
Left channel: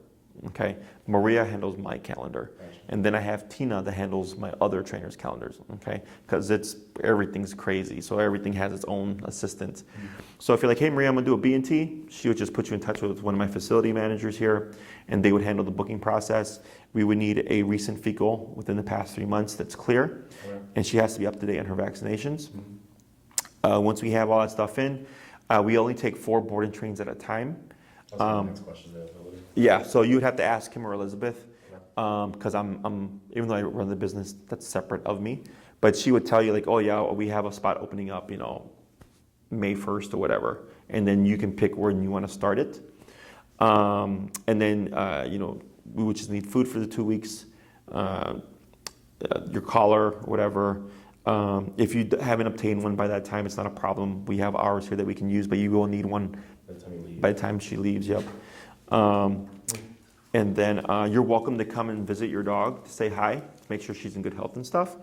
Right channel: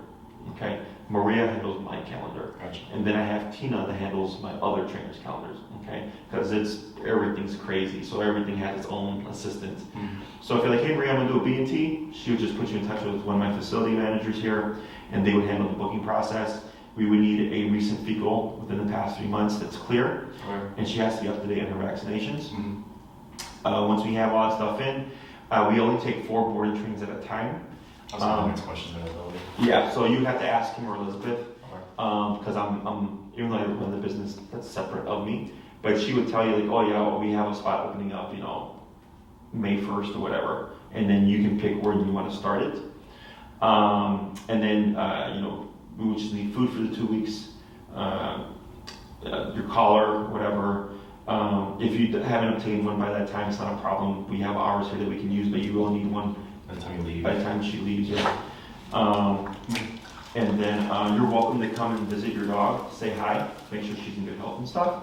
Okay? Maria handles my calendar. Gotcha. And then I have Tina that handles my other trainers' calendars. Okay? Because everything's crazy. So everything has its own assistant. Mm-hmm. So if you're like, hey Maria, I'm gonna do a B&T, she would just put you in touch with one of my facility managers here and they would handle the booking process. We would need a recent fecal within the past 3 months that's clear. Okay. And she has to be up to date on her vaccinations. Mm-hmm. Once we have all that stuff in, we only take 4 board and trains at a time. That's my next question. Availability. Yeah, so you'd have to ask him or Elizabeth, because I'm even though I run the business, that's separate of me. But she would tell you like, oh yeah, well, we have a spot opening up, May 1st or whatever, and then you can pick when you want to start it. And then we would just need food for the 2 weeks, your collar, whatever. If you haven't obtained one by that time, it's not a problem. We have hours here that we can use, but you will need one By the time you leave. by the time she leaves, yeah. And then you're welcome to come and visit your dog, say hi, make sure she's in good health and stuff.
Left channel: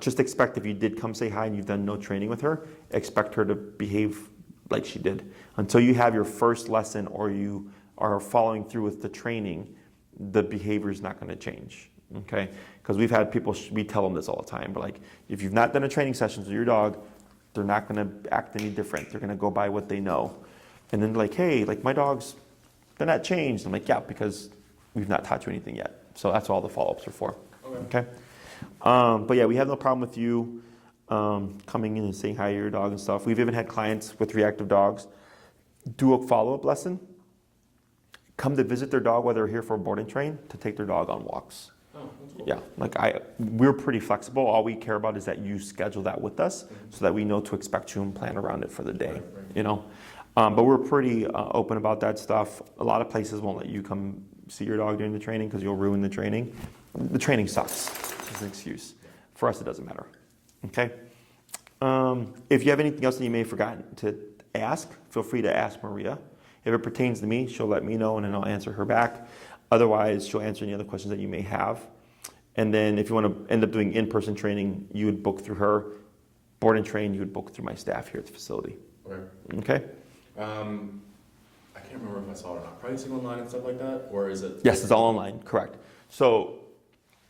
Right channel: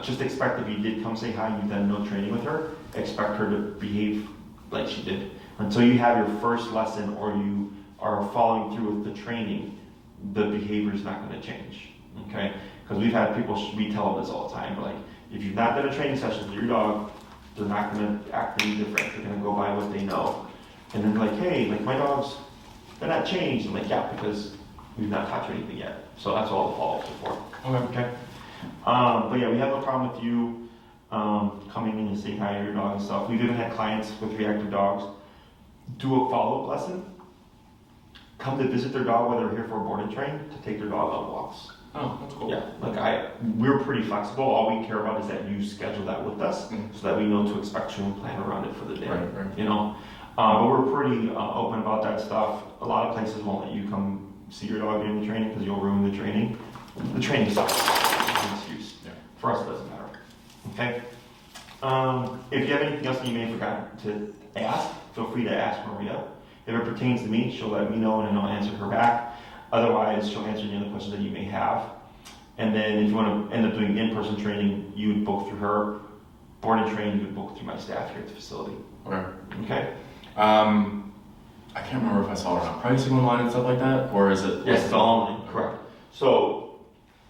Just expect if you did come say hi and you've done no training with her, expect her to behave like she did. Until you have your first lesson or you are following through with the training, the behavior is not going to change, okay? Because we've had people, we tell them this all the time, but like, if you've not done a training session with your dog, they're not going to act any different. They're going to go by what they know. And then like, hey, like my dogs, they're not changed. I'm like, yeah, because we've not taught you anything yet. So that's all the follow-ups are for. Okay. But yeah, we have no problem with you coming in and saying hi to your dog and stuff. We've even had clients with reactive dogs do a follow-up lesson, come to visit their dog while they're here for a board and train to take their dog on walks. Oh, that's cool. Yeah, like we're pretty flexible. All we care about is that you schedule that with us so that we know to expect you and plan around it for the day, Right. But we're pretty open about that stuff. A lot of places won't let you come see your dog during the training because you'll ruin the training. The training sucks. It's an excuse. Yeah. For us, it doesn't matter. Okay? If you have anything else that you may have forgotten to ask, feel free to ask Maria. If it pertains to me, she'll let me know and then I'll answer her back. Otherwise, she'll answer any other questions that you may have. And then if you want to end up doing in-person training, you would book through her. Board and train, you would book through my staff here at the facility. Okay? I can't remember if I saw it on pricing online and stuff like that, or is it? Yes, it's all online, correct. So,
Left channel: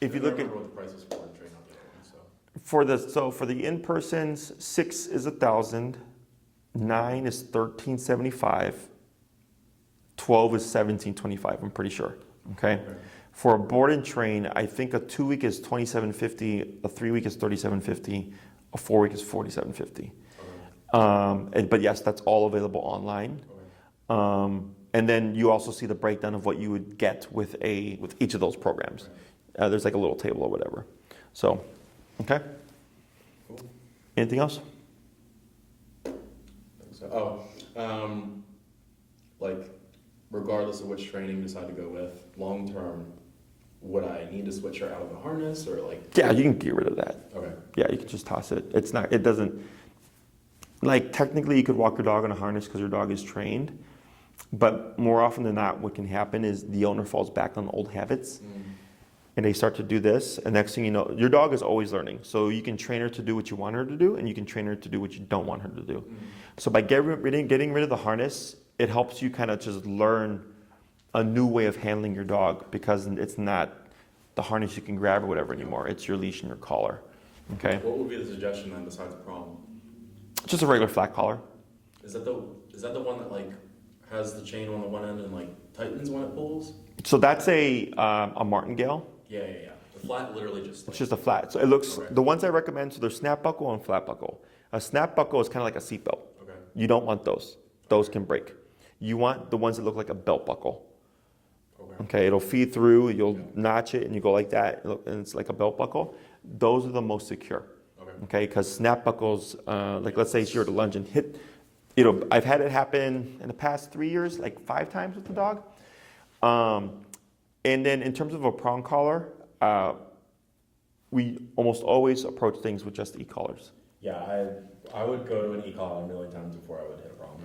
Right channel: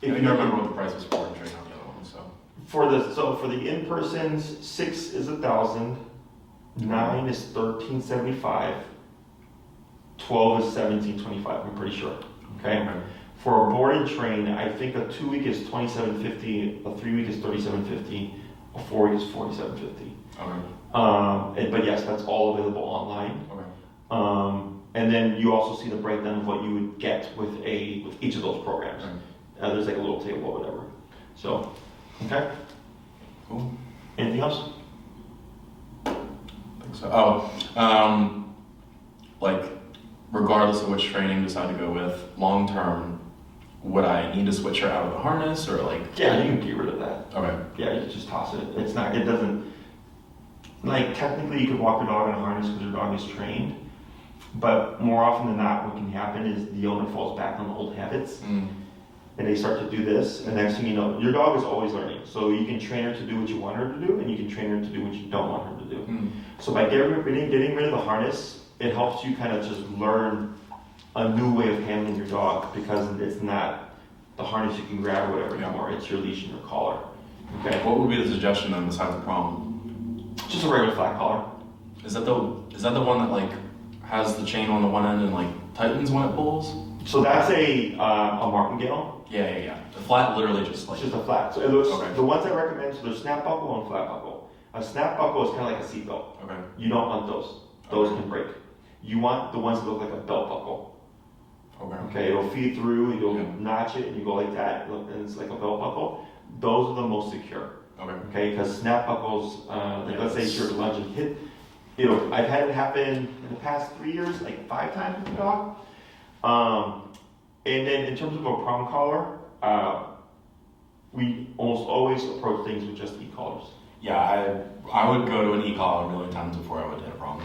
if I you don't remember what the price was for and train on the other one, so. for the in-persons, 6 is 1,000, 9 is 1,375, 12 is 1,725. I'm pretty sure. Okay. For a board and train, I think a 2 week is 2,750, a 3 week is 3,750, a 4 week is 4,750. Okay. But yes, that's all available online. Okay. And then you also see the breakdown of what you would get with each of those programs. Right. There's like a little table or whatever. So, okay. Cool. Anything else? I think so. Like, regardless of which training you decide to go with, long term, would I need to switch her out of the harness or like? Yeah, you can get rid of that. Okay. Yeah, you can just toss it. It doesn't, like technically you could walk your dog in a harness because your dog is trained, but more often than not what can happen is the owner falls back on old habits and they start to do this, and next thing you know, your dog is always learning. So you can train her to do what you want her to do and you can train her to do what you don't want her to do. So by getting rid of the harness, it helps you kind of just learn a new way of handling your dog because it's not the harness you can grab or whatever anymore. It's your leash and your collar. Okay. What would be the suggestion then besides the prong? Just a regular flat collar. Is that the one that like has the chain on the one end and like tightens when it pulls? So that's a martingale. Yeah. The flat literally just like. It's just a flat. So it looks, okay. The ones I recommend, so there's snap buckle and flat buckle. A snap buckle is kind of like a seatbelt. Okay. You don't want those. Those can break. You want the ones that look like a belt buckle. Okay, it'll feed through, you'll notch it and you go like that, and it's like a belt buckle. Those are the most secure. Okay, because snap buckles, let's say you're to lunge and hit, I've had it happen in the past 3 years, like 5 times with the dog. And then in terms of a prong collar, we almost always approach things with just e-collars. Yeah, I would go to an e-collar a million times before I would hit a prong.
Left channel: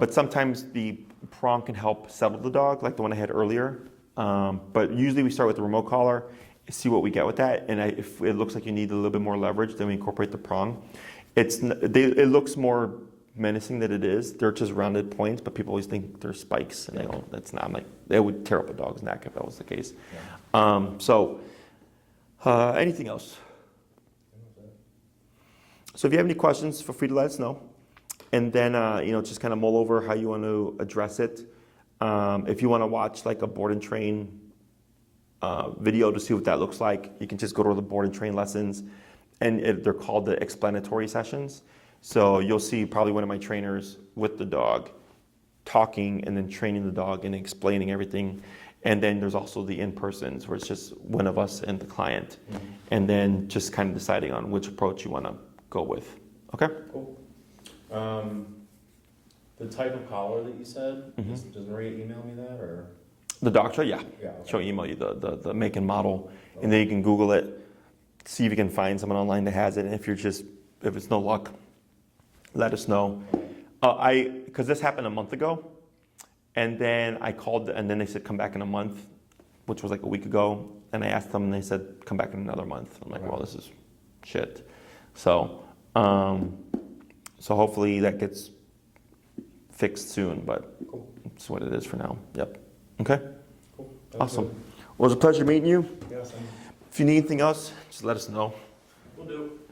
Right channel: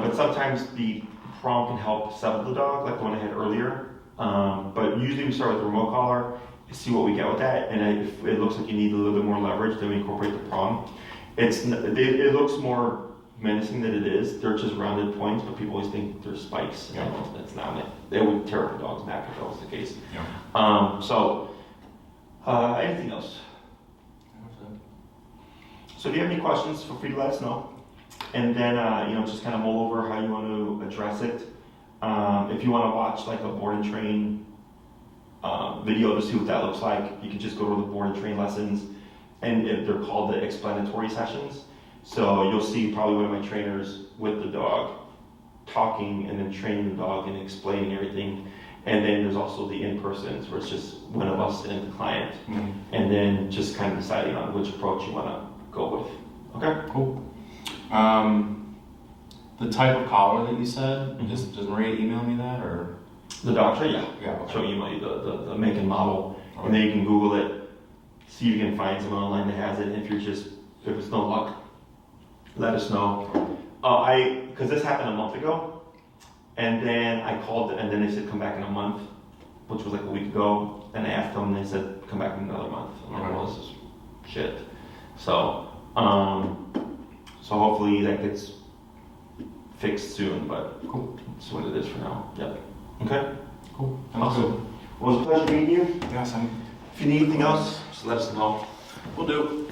But sometimes the prong can help settle the dog, like the one I had earlier. But usually we start with the remote collar, see what we get with that, and if it looks like you need a little bit more leverage, then we incorporate the prong. It looks more menacing than it is. They're just rounded points, but people always think they're spikes, and that's not it. They would tear up a dog's neck if that was the case. Yeah. Anything else? So if you have any questions, feel free to let us know. And then, just kind of mull over how you want to address it. If you want to watch like a board and train video to see what that looks like, you can just go to the board and train lessons, and they're called the explanatory sessions. So you'll see probably one of my trainers with the dog talking and then training the dog and explaining everything. And then there's also the in-persons where it's just one of us and the client. Mm-hmm. And then just kind of deciding on which approach you want to go with. Okay? Cool. The type of collar that you said, does Maria email me that or? The doctor, yeah. Okay. She'll email you the make and model, and then you can Google it, see if you can find someone online that has it. And if it's no luck, let us know. Because this happened a month ago, and then I called, and then they said come back in a month, which was like a week ago. And I asked them, and they said come back in another month. I'm like, well, this is shit. So hopefully that gets fixed soon, but cool. That's what it is for now. Yep. Okay? Cool. Awesome. Well, it was a pleasure meeting you. Yeah, same. If you need anything else, just let us know. We'll do.